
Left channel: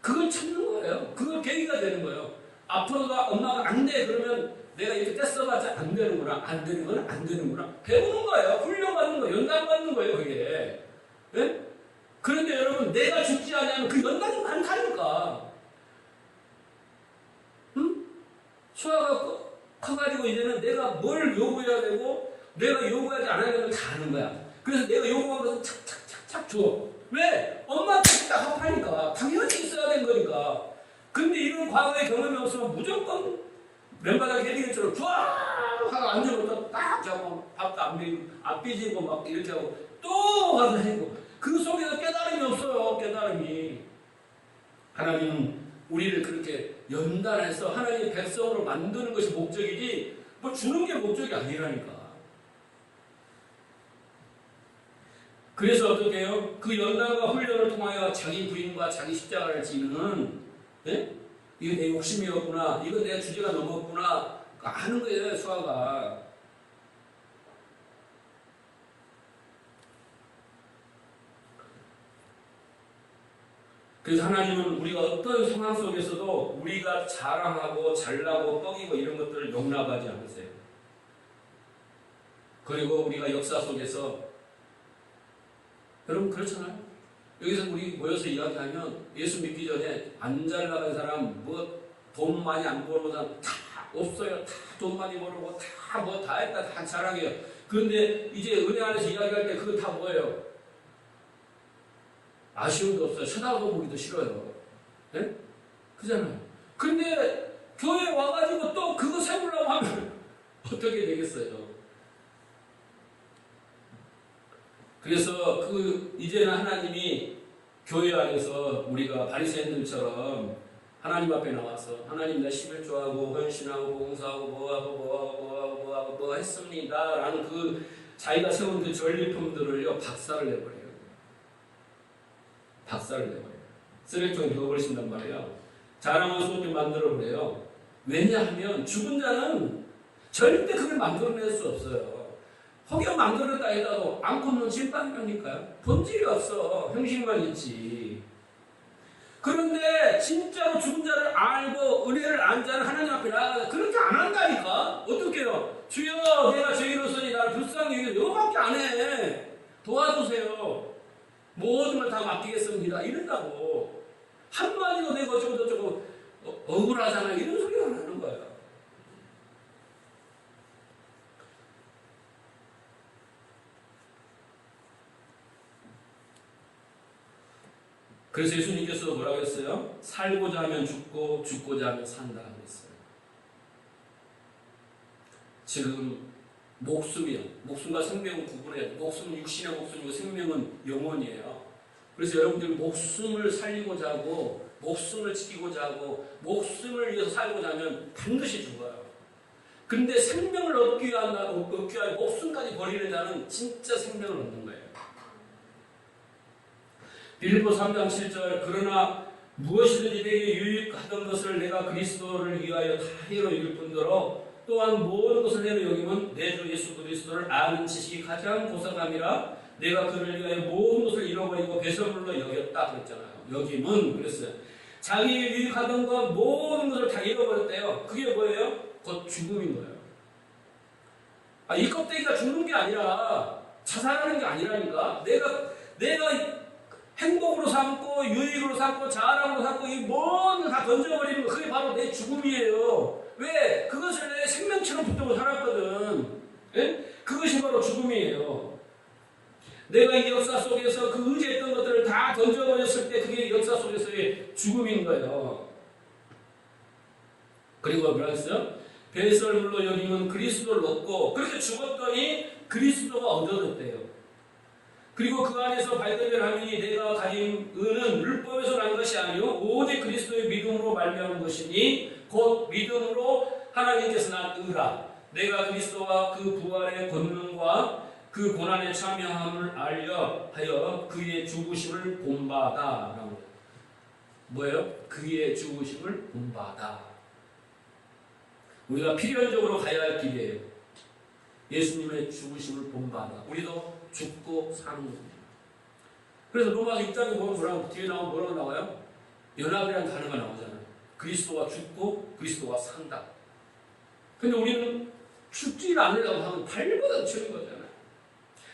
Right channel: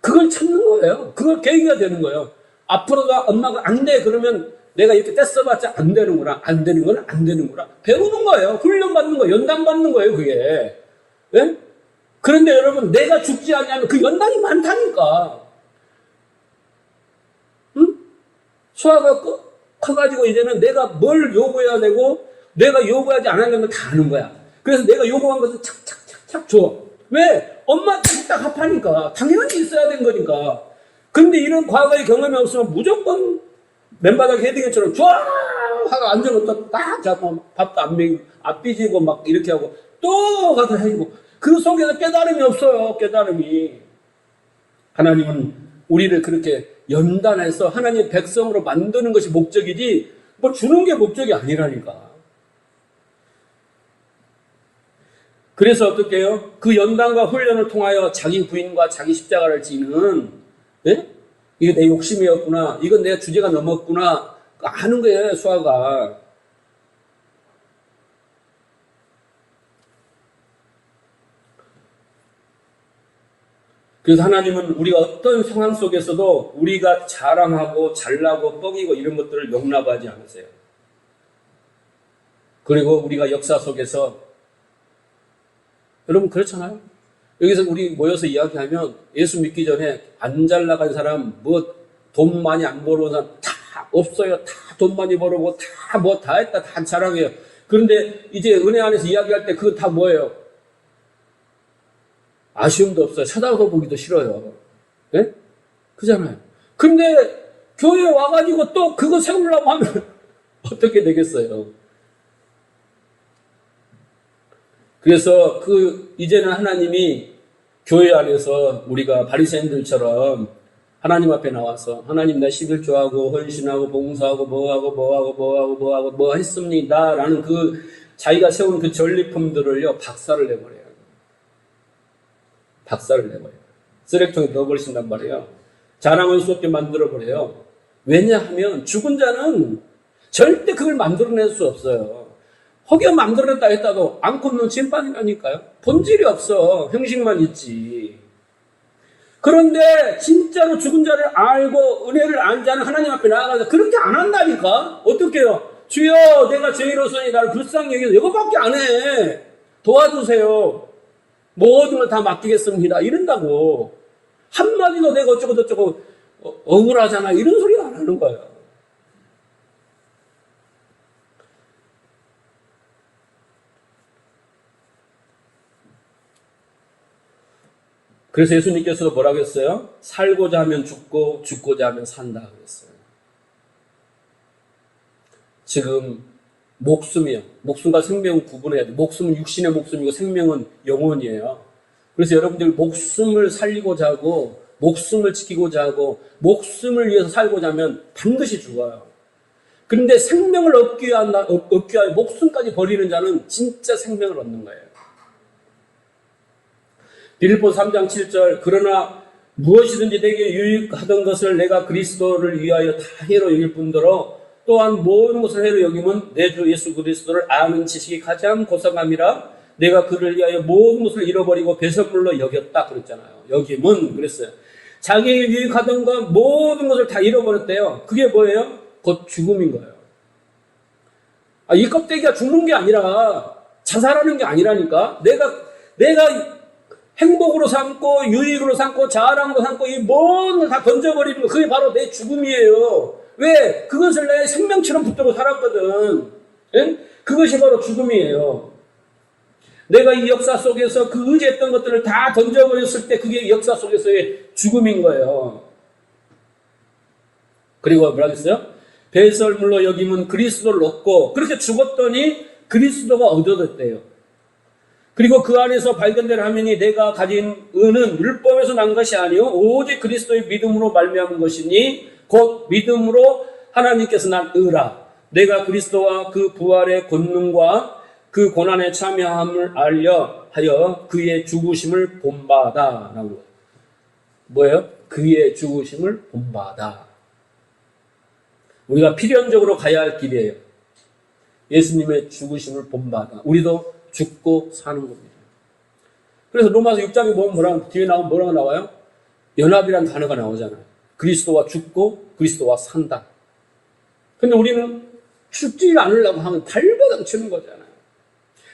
그걸 찾는 거예요. 그걸 계기가 되는 거예요. 앞으로도 엄마가 안 돼. 그러면 내가 이렇게 떼써봤자 안 되는구나. 안 되는 건 안 되는구나. 배우는 거예요. 훈련받는 거예요. 연단받는 거예요. 그게. 네? 그런데 여러분, 내가 죽지 않냐면 그 연단이 많다니까. 응? 수아가 커가지고 이제는 내가 뭘 요구해야 되고 내가 요구하지 않으려면 다 아는 거야. 그래서 내가 요구한 것을 착착착착 줘. 왜? 엄마한테 딱 합하니까. 당연히 있어야 되는 거니까. 근데 이런 과거의 경험이 없으면 무조건 맨바닥 헤딩처럼 쫙 하고 앉아놓다 딱 잡고 밥도 안 삐지고 막 이렇게 하고 또 가서 해고 그 속에서 깨달음이 없어요. 깨달음이. 하나님은 우리를 그렇게 연단해서 하나님의 백성으로 만드는 것이 목적이지 뭐 주는 게 목적이 아니라니까. 그래서 어떻게 해요? 그 연단과 훈련을 통하여 자기 부인과 자기 십자가를 지는, 예? 이게 내 욕심이었구나. 이건 내 주제가 넘었구나. 하는 거예요, 수아가. 그래서 하나님은 우리가 어떤 상황 속에서도 우리가 자랑하고 잘나고 뻐기고 이런 것들을 용납하지 않으세요. 그리고 우리가 역사 속에서 여러분 그렇잖아요. 여기서 우리 모여서 이야기하면 예수 믿기 전에 안 잘 나간 사람, 뭐 돈 많이 안 벌어온 사람 다 없어요. 다 돈 많이 벌어보고 다 뭐 다 했다 다 자랑해요. 그런데 이제 은혜 안에서 이야기할 때 그거 다 뭐예요? 아쉬움도 없어요. 쳐다보기도 싫어요. 네? 그잖아요. 근데 교회에 와가지고 또 그거 세우려고 하면 어떻게 되겠어요? 그래서 이제는 하나님이 교회 안에서 우리가 바리새인들처럼 하나님 앞에 나와서 하나님 나 11조하고 헌신하고 봉사하고 뭐 했습니다. 라는 그 자기가 세운 그 전리품들을요, 박살을 내버려요. 박살을 내버려요. 쓰레기통에 넣어버리신단 말이에요. 자랑할 수 없게 만들어버려요. 왜냐하면 죽은 자는 절대 그걸 만들어낼 수 없어요. 혹여 만들어냈다 했다도 안고 없는 침판이라니까요. 본질이 없어. 형식만 있지. 그런데 진짜로 죽은 자를 알고 은혜를 안 자는 하나님 앞에 나아가서 그렇게 안 한다니까. 어떻게 해요? 주여 내가 죄인으로서니 나를 불쌍히 여기서 이거밖에 안 해. 도와주세요. 모든 걸 다 맡기겠습니다. 이런다고. 한마디도 내가 어쩌고 저쩌고 억울하잖아. 이런 소리 안 하는 거예요. 그래서 예수님께서 뭐라고 했어요? 살고자 하면 죽고 죽고자 하면 산다 그랬어요. 지금 목숨이요. 목숨과 생명 구분해야 돼. 목숨은 육신의 목숨이고 생명은 영혼이에요. 그래서 여러분들 목숨을 살리고자 하고 목숨을 지키고자 하고 목숨을 위해서 살고자 하면 반드시 죽어요. 그런데 생명을 얻기 위하여 목숨까지 버리는 자는 진짜 생명을 얻는 거예요. 빌립보 3장 7절 그러나 무엇이든지 내게 유익하던 것을 내가 그리스도를 위하여 다 해로 여길 뿐더러 또한 모든 것을 해로 여기면 내 주 예수 그리스도를 아는 지식이 가장 고상함이라 내가 그를 위하여 모든 것을 잃어버리고 배설물로 여겼다 그랬잖아요. 여김은 그랬어요. 자기에게 유익하던 것 모든 것을 다 잃어버렸대요. 그게 뭐예요? 곧 죽음인 거예요. 이 껍데기가 죽는 게 아니라 자살하는 게 아니라니까. 내가 행복으로 삼고 유익으로 삼고 자랑으로 삼고 이 모든 걸 다 던져버리는 거, 그게 바로 내 죽음이에요. 왜? 그것을 내 생명처럼 붙들고 살았거든. 예? 그것이 바로 죽음이에요. 내가 이 역사 속에서 그 의지했던 것들을 다 던져버렸을 때 그게 역사 속에서의 죽음인 거예요. 그리고 뭐라 그랬어요? 배설물로 여기면 그리스도를 얻고, 그렇게 죽었더니 그리스도가 얻어졌대요. 그리고 그 안에서 발견된 화면이 내가 가진 의는 율법에서 난 것이 아니요 오직 그리스도의 믿음으로 말미암은 것이니 곧 믿음으로 하나님께서 난 의라. 내가 그리스도와 그 부활의 권능과 그 고난에 참여함을 알려 하여 그의 죽으심을 본바다. 라고. 뭐예요? 그의 죽으심을 본바다. 우리가 필연적으로 가야 할 길이에요. 예수님의 죽으심을 본바다. 우리도 죽고 사는 겁니다. 그래서 로마서 6장에 보면 뒤에 나오면 뭐라고 나와요? 연합이라는 단어가 나오잖아요. 그리스도와 죽고 그리스도와 산다. 근데 우리는 죽지 않으려고 하면 발버둥 치는 거잖아요.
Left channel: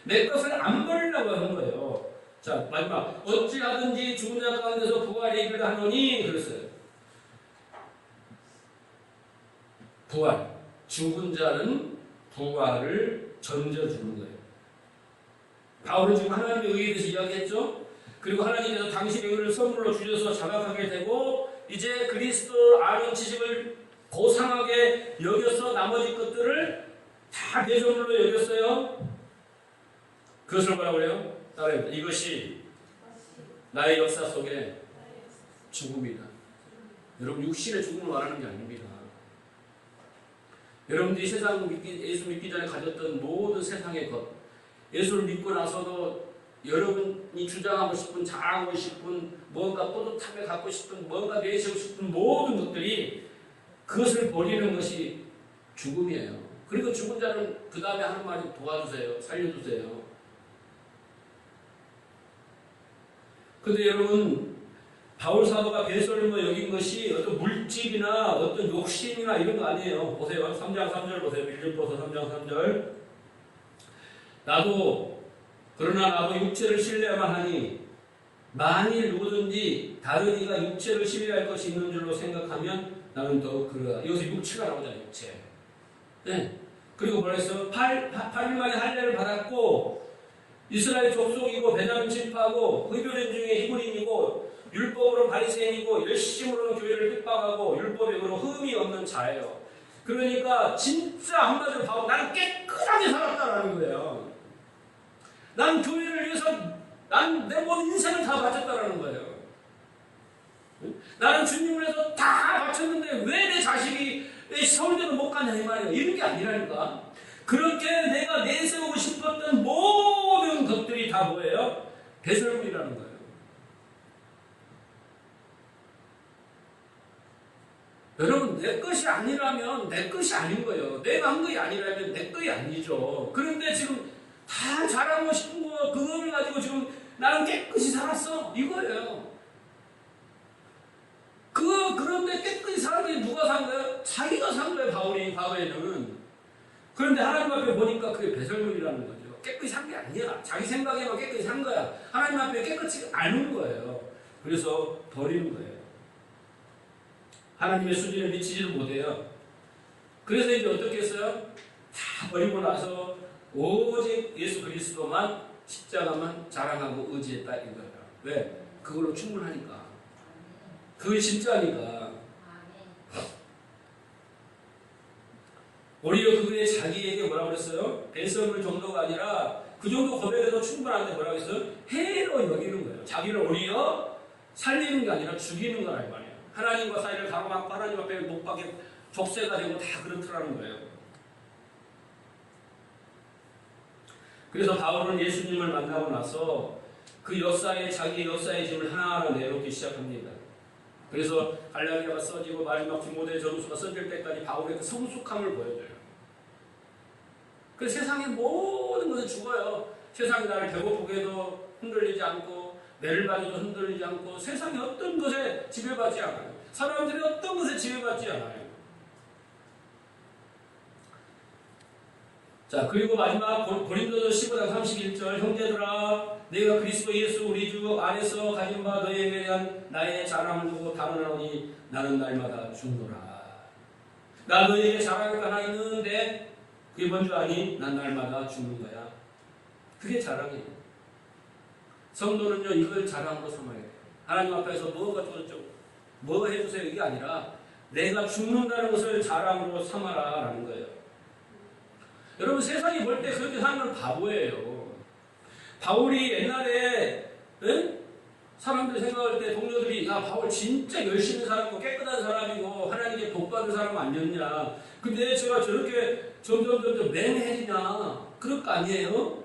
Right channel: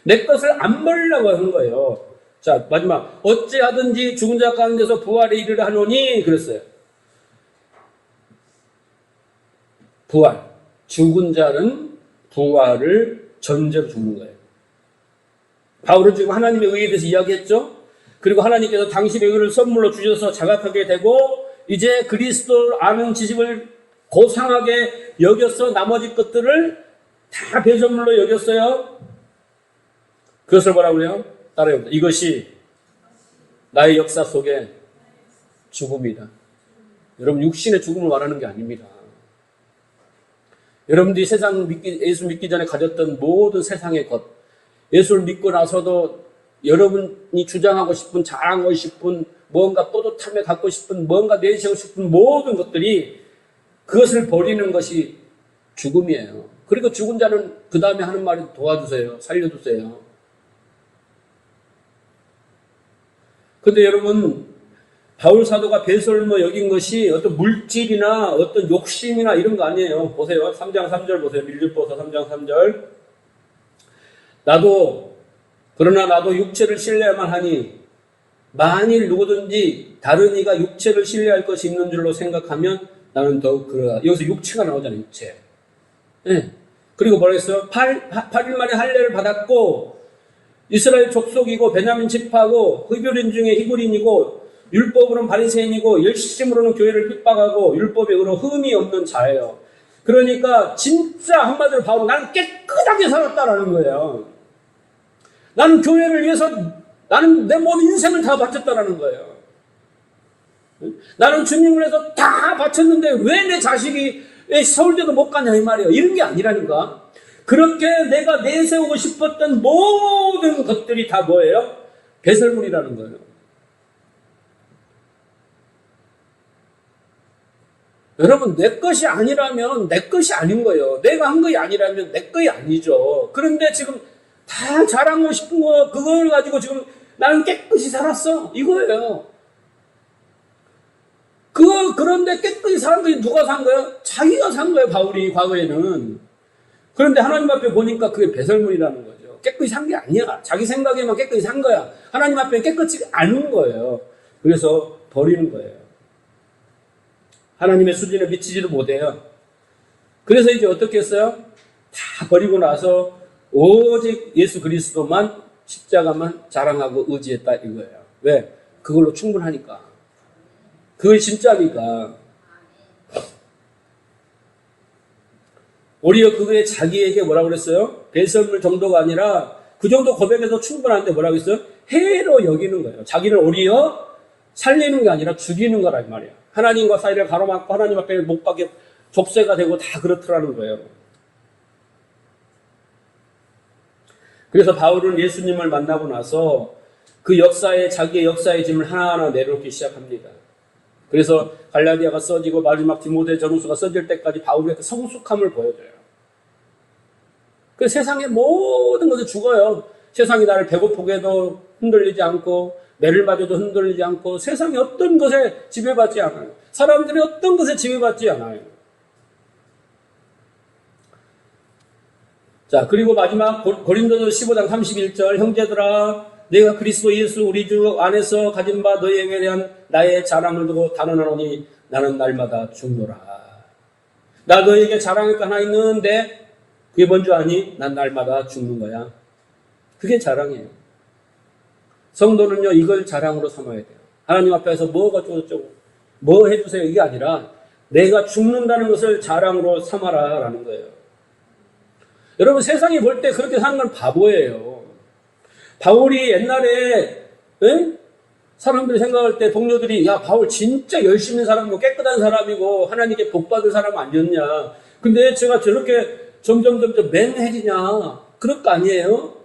내 것을 안 버리려고 하는 거예요. 자, 마지막. 어찌하든지 죽은 자 가운데서 부활에 이르려 하노니 그랬어요. 부활. 죽은 자는 부활을 전제로 죽는 거예요. 바울은 지금 하나님의 의에 대해서 이야기했죠. 그리고 하나님께서 당신의 의를 선물로 주셔서 자각하게 되고 이제 그리스도 아는 지식을 고상하게 여겨서 나머지 것들을 다 배설물로 여겼어요. 그것을 뭐라고요? 따라해봅니다. 이것이 나의 역사 속에 죽음이다. 여러분 육신의 죽음을 말하는 게 아닙니다. 여러분들이 예수 믿기 전에 가졌던 모든 세상의 것, 예수를 믿고 나서도 여러분이 주장하고 싶은, 자랑하고 싶은, 뭔가 뿌듯함에 갖고 싶은, 뭔가 내세우고 싶은 모든 것들이 그것을 버리는 것이 죽음이에요. 그리고 죽은 자는 그 다음에 하는 말이 도와주세요. 살려주세요. 근데 여러분, 바울 사도가 배설물 여긴 것이 어떤 물질이나 어떤 욕심이나 이런 거 아니에요. 보세요. 3장 3절 보세요. 밀주보서 3장 3절. 그러나 나도 육체를 신뢰야만 하니 만일 누구든지 다른 이가 육체를 신뢰할 것이 있는 줄로 생각하면 나는 더욱 그러다. 여기서 육체가 나오잖아요. 육체. 네. 그리고 뭐라 했어요? 8일 만에 할례를 받았고 이스라엘 족속이고 베냐민 지파고 흡혈인 중에 히브리인이고 율법으로는 바리새인이고 열심으로는 교회를 핍박하고 율법에 의로 흠이 없는 자예요. 그러니까 진짜 한마디로 바울은 나는 깨끗하게 살았다라는 거예요. 나는 교회를 위해서 나는 내 모든 인생을 다 바쳤다라는 거예요. 나는 주님을 위해서 다 바쳤는데 왜 내 자식이 서울대도 못 가냐 이 말이에요. 이런 게 아니라니까. 그렇게 내가 내세우고 싶었던 모든 것들이 다 뭐예요? 배설물이라는 거예요. 여러분, 내 것이 아니라면 내 것이 아닌 거예요. 내가 한 것이 아니라면 내 것이 아니죠. 그런데 지금 다 자랑하고 싶은 거, 그걸 가지고 지금 나는 깨끗이 살았어. 이거예요. 그런데 깨끗이 사는 게 누가 산 거예요? 자기가 산 거예요, 바울이, 과거에는. 그런데 하나님 앞에 보니까 그게 배설물이라는 거죠. 깨끗이 산 게 아니야. 자기 생각에만 깨끗이 산 거야. 하나님 앞에 깨끗이 않은 거예요. 그래서 버리는 거예요. 하나님의 수준에 미치지도 못해요. 그래서 이제 어떻게 했어요? 다 버리고 나서 오직 예수 그리스도만, 십자가만 자랑하고 의지했다 이거예요. 왜? 그걸로 충분하니까. 그게 진짜니까. 오히려 그게 자기에게 뭐라고 그랬어요? 배설물 정도가 아니라 그 정도 고백에서 충분한데 뭐라고 했어요? 해로 여기는 거예요. 자기를 오히려 살리는 게 아니라 죽이는 거란 말이에요. 하나님과 사이를 가로막고 하나님 앞에 못 박게 족쇄가 되고 다 그렇더라는 거예요. 그래서 바울은 예수님을 만나고 나서 그 자기의 역사의 짐을 하나하나 내려놓기 시작합니다. 그래서 갈라디아가 써지고 마지막 디모데 전후서가 써질 때까지 바울의 그 성숙함을 보여줘요. 그 세상의 모든 것에 죽어요. 세상이 나를 배고프게 해도 흔들리지 않고 매를 맞아도 흔들리지 않고 세상의 어떤 것에 지배받지 않아요. 사람들이 어떤 것에 지배받지 않아요. 자, 그리고 마지막 고린도서 15장 31절 형제들아 내가 그리스도 예수 우리 주 안에서 가진 바 너희에게 대한 나의 자랑을 두고 단언하노니 나는 날마다 죽노라. 나 너희에게 자랑할 거 하나 있는데 그게 뭔지 아니? 난 날마다 죽는 거야. 그게 자랑이에요. 성도는요 이걸 자랑으로 삼아야 돼요. 하나님 앞에서 뭐가 어쩌고 뭐 해주세요 이게 아니라 내가 죽는다는 것을 자랑으로 삼아라 라는 거예요. 여러분 세상이 볼 때 그렇게 사는 건 바보예요. 바울이 옛날에 사람들이 생각할 때 동료들이 야 바울 진짜 열심히 있는 사람이고 깨끗한 사람이고 하나님께 복받은 사람 아니었냐. 근데 제가 저렇게 점점 맹해지냐. 그럴 거 아니에요?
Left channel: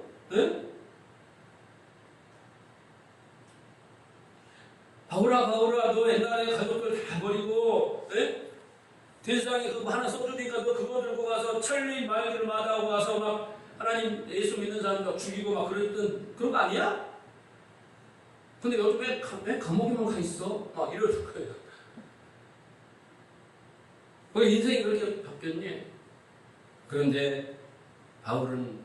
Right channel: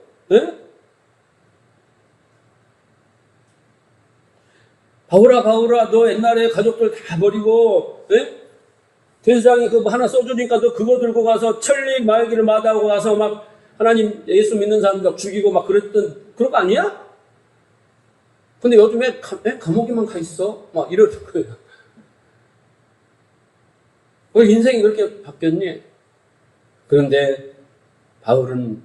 바울아 너 옛날에 가족들 다 버리고 대세상에 그거 하나 써주니까 너 그거 들고 가서 천리 말기를 마다하고 가서 막 하나님 예수 믿는 사람들 죽이고 막 그랬던 그런 거 아니야? 근데 요즘에 감옥에만 가 있어? 막 이럴 거예요. 왜 인생이 그렇게 바뀌었니? 그런데 바울은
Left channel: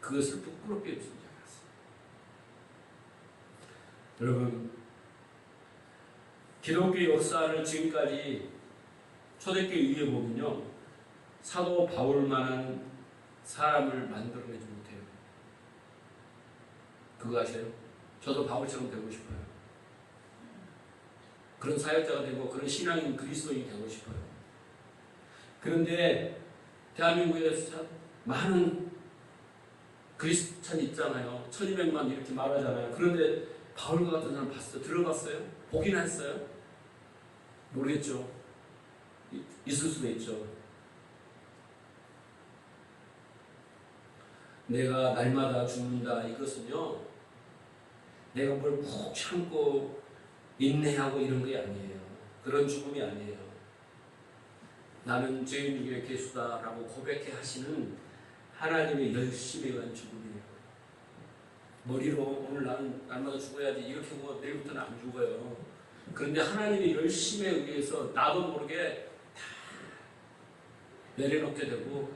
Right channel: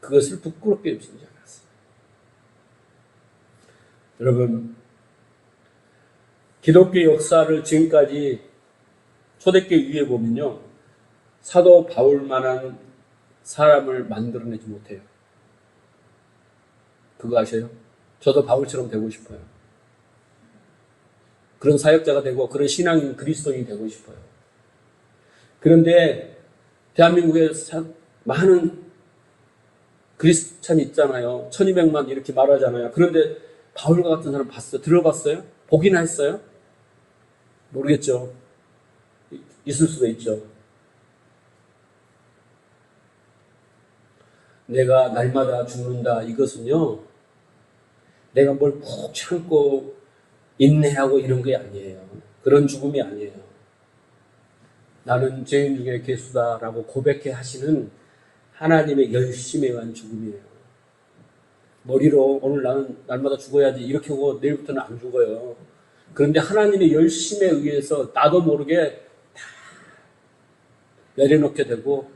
그것을 부끄럽게 여기지 않았어요. 여러분 기독교 역사를 지금까지 초대교회 위에 보면요. 사도 바울만한 사람을 만들어내지 못해요. 그거 아세요? 저도 바울처럼 되고 싶어요. 그런 사역자가 되고 그런 신앙인 그리스도인이 되고 싶어요. 그런데 대한민국에 많은 그리스찬이 있잖아요. 1200만 이렇게 말하잖아요. 그런데 바울과 같은 사람 봤어요? 들어봤어요? 보기나 했어요? 모르겠죠. 있을 수도 있죠. 내가 날마다 죽는다 이것은요. 내가 뭘 꼭 참고 인내하고 이런 게 아니에요. 그런 죽음이 아니에요. 나는 죄인 중에 괴수다라고 고백해 하시는 하나님의 열심에 의한 죽음이에요. 머리로 오늘 나는 날마다 죽어야지 이렇게 하고 내일부터는 안 죽어요. 그런데 하나님의 열심에 의해서 나도 모르게 다 내려놓게 되고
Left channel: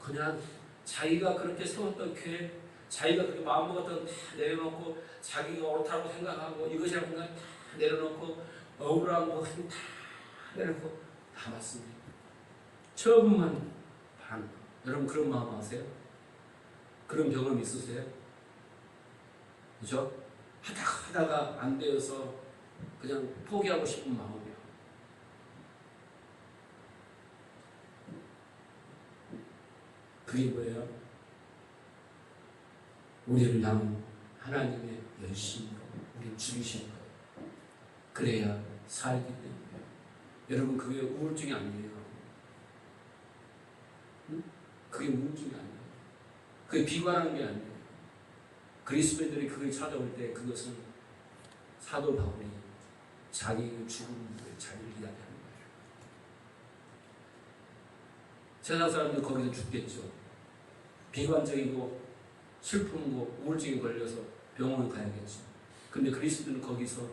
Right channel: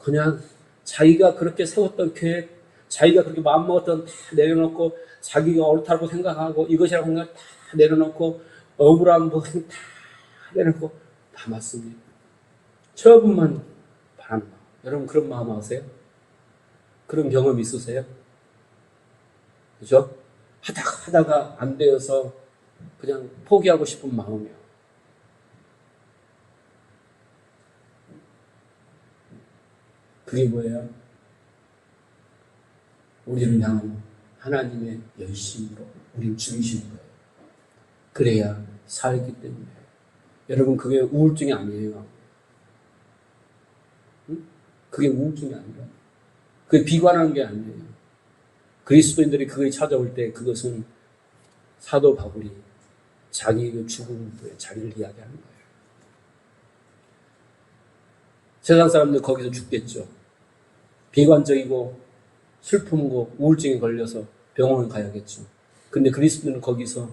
그냥 자기가 그렇게 세웠던 계획, 자기가 그렇게 마음먹었던 다 내려놓고 자기가 옳다고 생각하고 이것이라고 생각 다 내려놓고 억울한 거 다 내려놓고 남았습니다. 처분만 바랍니다. 여러분 그런 마음 아세요? 그런 경험 있으세요? 그죠? 하다가 안 되어서 그냥 포기하고 싶은 마음이요. 그게 뭐예요? 우리를 향한 하나님의 열심으로 우리를 죽이시는 거예요. 그래야 살기 때문에. 여러분 그게 우울증이 아니에요. 그게 우울증이 아니에요. 그게 비관하는 게 아니에요. 그리스도인들이 그걸 찾아올 때 그것은 사도 바울이 자기의 죽음을 자기를 이야기하는 거예요. 세상 사람들 거기서 죽겠죠. 비관적이고 슬픔고 우울증에 걸려서 병원을 가야겠죠. 근데 그리스도는 거기서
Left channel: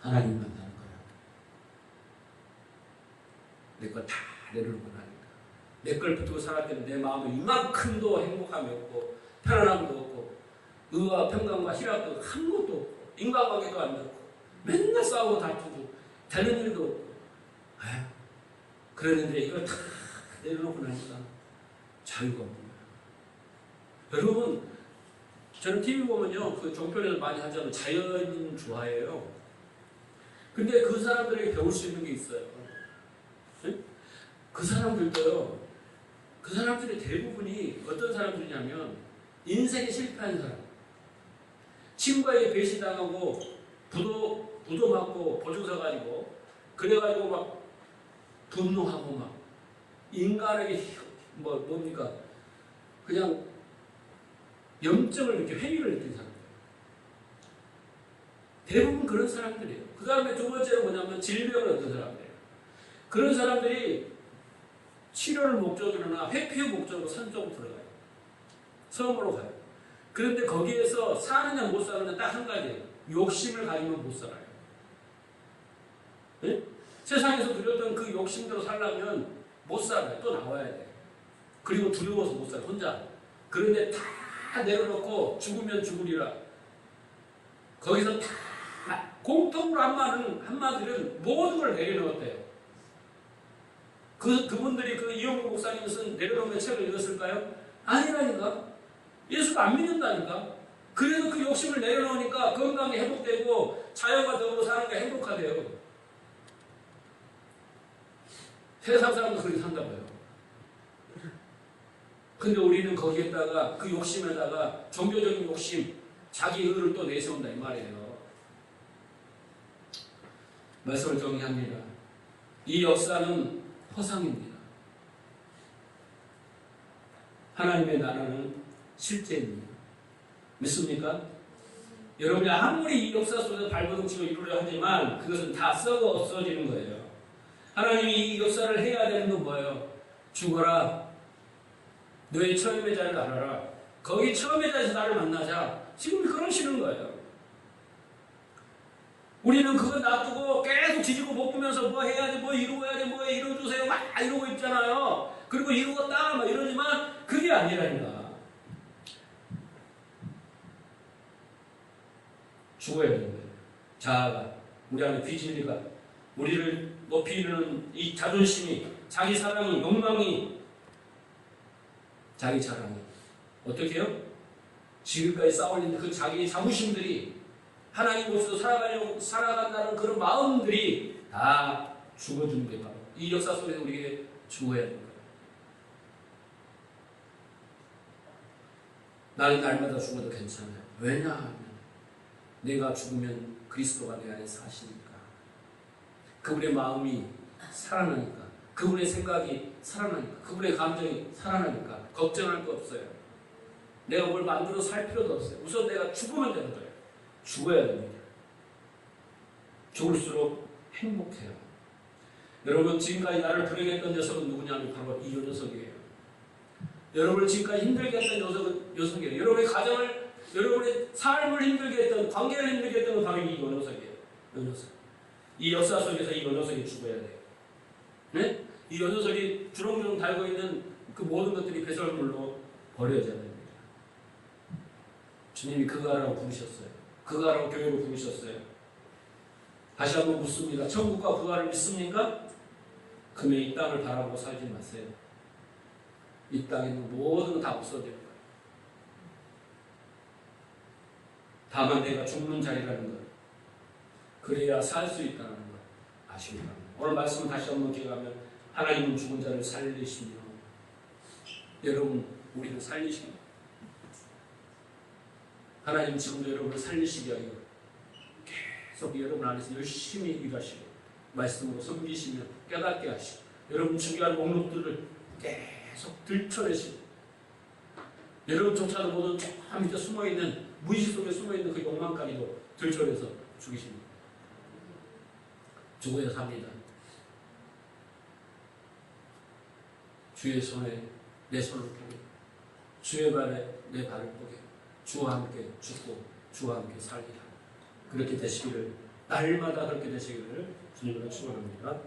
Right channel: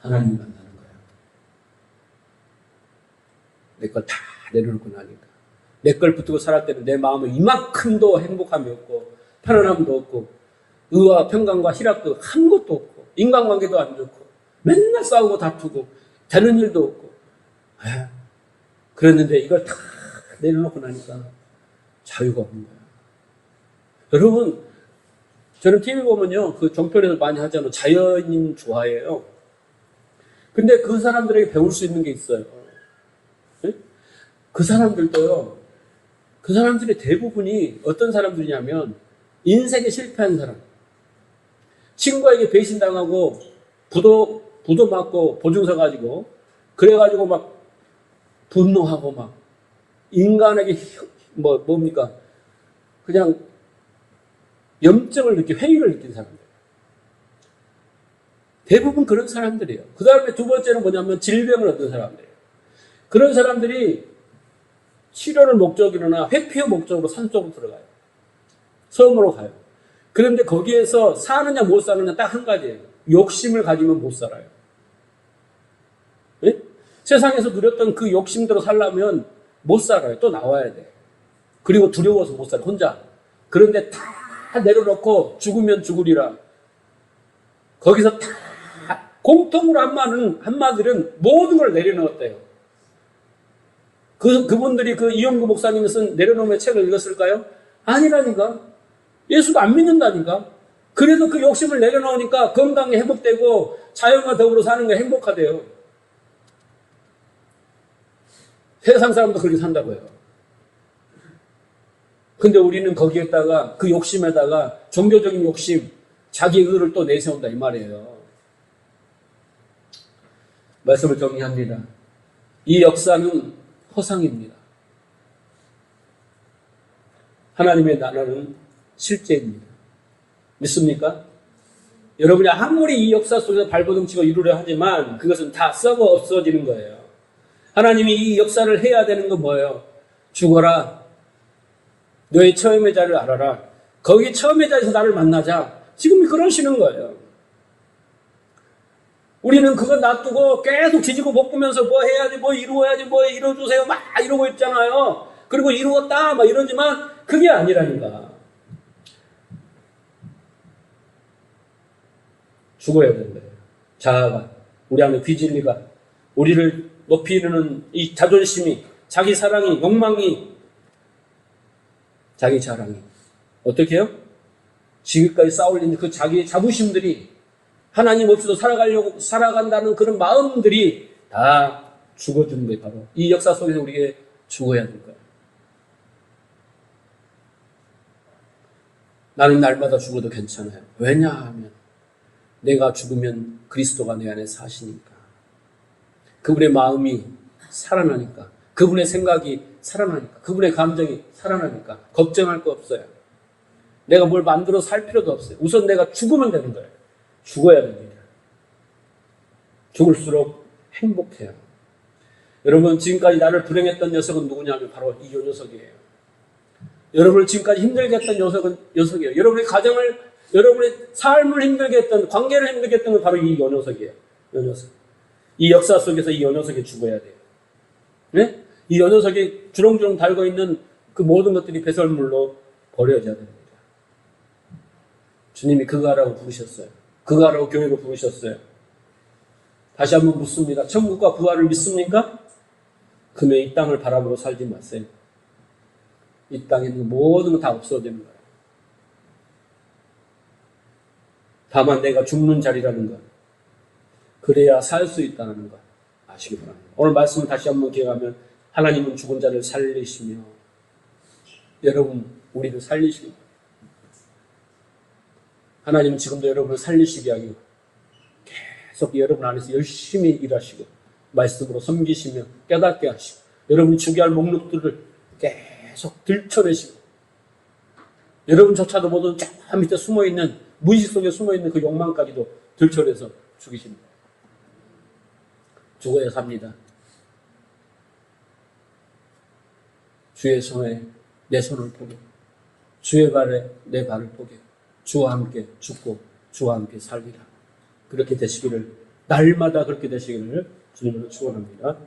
하나님 만나는 거야. 내 걸 다 내려놓고 나니까. 내 걸 붙들고 살았을 때는 내 마음은 이만큼도 행복함이 없고 편안함도 없고 의와 평강과 희락도 한 것도 없고 인간관계도 안 좋고 맨날 싸우고 다투고 되는 일도 없고 그랬는데 이걸 다 내려놓고 나니까 자유가 없는 거야. 여러분 저는 TV 보면요 그 종편에서 많이 하잖아요. 자연인 좋아해요. 근데 그 사람들에게 배울 수 있는 게 있어요. 그 사람들도요 그 사람들의 대부분이 어떤 사람들이냐면 인생에 실패한 사람, 친구에게 배신당하고 부도 받고 보증서 가지고 그래가지고 막 분노하고 막 인간에게 뭡니까 그냥 염증을 느끼고 회의를 느낀 사람들. 대부분 그런 사람들이에요. 그 다음에 두 번째는 뭐냐면 질병을 얻은 사람들이에요. 그런 사람들이 치료를 목적이로나 회피의 목적으로 산 쪽으로 들어가요. 섬으로 가요. 그런데 거기에서 사느냐 못 사느냐 딱 한 가지예요. 욕심을 가지면 못 살아요. 예? 세상에서 누렸던 그 욕심대로 살려면 못 살아요. 또 나와야 돼요. 그리고 두려워서 못 살아, 혼자. 그런데 다 내려놓고 죽으면 죽으리라. 거기서 다 공통으로 한마디는 모든 걸 내려놓았대요. 그분들이 그 이영구 목사님이 쓴 내려놓음의 책을 읽었을까요? 아니라니까. 예수도 안 믿는다니까. 그래도 그 욕심을 내려놓으니까 건강이 회복되고 자연과 더불어 사는 게 행복하대요. 세상 사람도 그렇게 산다고요. 근데 우리는 거기에다가 그 욕심에다가 종교적인 욕심, 자기 의를 또 내세운다 이 말이에요. 말씀을 정리합니다. 이 역사는 허상입니다. 하나님의 나라는 실제입니다. 믿습니까? 여러분이 아무리 이 역사 속에서 발버둥치고 이루려 하지만 그것은 다 썩어 없어지는 거예요. 하나님이 이 역사를 해야 되는 건 뭐예요? 죽어라. 너의 처음의 자리를 알아라. 거기 처음의 자리에서 나를 만나자. 지금 그러시는 거예요. 우리는 그거 놔두고 계속 뒤지고 볶으면서 뭐 해야지, 뭐 이루어야지, 뭐 이루어주세요. 막 이러고 있잖아요. 그리고 이루었다, 막 이러지만 그게 아니라니까. 죽어야 되는 거예요. 자아가, 우리 안에 비진리가, 우리를 높이는 이 자존심이, 자기 사랑이, 욕망이, 자기 자랑이. 어떻게 해요? 지금까지 쌓아올린 그 자기의 자부심들이 하나님 없이도 살아간다는 그런 마음들이 다 죽어주는 거예요. 바로 이 역사 속에서 우리에게 죽어야 되는 거예요. 나는 날마다 죽어도 괜찮아요. 왜냐하면 내가 죽으면 그리스도가 내 안에 사시니까. 그분의 마음이 살아나니까. 그분의 생각이 살아나니까. 그분의 감정이 살아나니까. 걱정할 거 없어요. 내가 뭘 만들어 살 필요도 없어요. 우선 내가 죽으면 되는 거예요. 죽어야 됩니다. 죽을수록 행복해요. 여러분, 지금까지 나를 불행했던 녀석은 누구냐면 바로 이 녀석이에요. 여러분을 지금까지 힘들게 했던 녀석이에요. 여러분의 가정을, 여러분의 삶을 힘들게 했던, 관계를 힘들게 했던 건 바로 이 녀석이에요. 이 녀석. 이 역사 속에서 이 녀석이 죽어야 돼요. 네? 이 녀석이 주렁주렁 달고 있는 그 모든 것들이 배설물로 버려져야 됩니다. 주님이 그거 하라고 부르셨어요. 그거 하라고 교회로 부르셨어요. 다시 한번 묻습니다. 천국과 부활을 믿습니까? 그러면 이 땅을 바라보고 살지 마세요. 이 땅에 있는 모든 거 다 없어지는 거예요. 다만 내가 죽는 자리라는 것. 그래야 살 수 있다는 것. 아시기 바랍니다. 오늘 말씀을 다시 한번 기억하면 하나님은 죽은 자를 살리시며 여러분 우리를 살리십니다. 하나님은 지금도 여러분을 살리시게 하고 계속 여러분 안에서 열심히 일하시고 말씀으로 섬기시며 깨닫게 하시고 여러분 죽여야 할 목록들을 계속 들춰내시고 여러분조차도 모든 저 밑에 숨어있는 무의식 속에 숨어있는 그 욕망까지도 들춰내서 죽이십니다. 죽어야 삽니다. 주의 손에 내 손을 보게 주의 발에 내 발을 보게 주와 함께 죽고 주와 함께 살리라. 그렇게 되시기를 날마다 그렇게 되시기를 주님으로 축원합니다.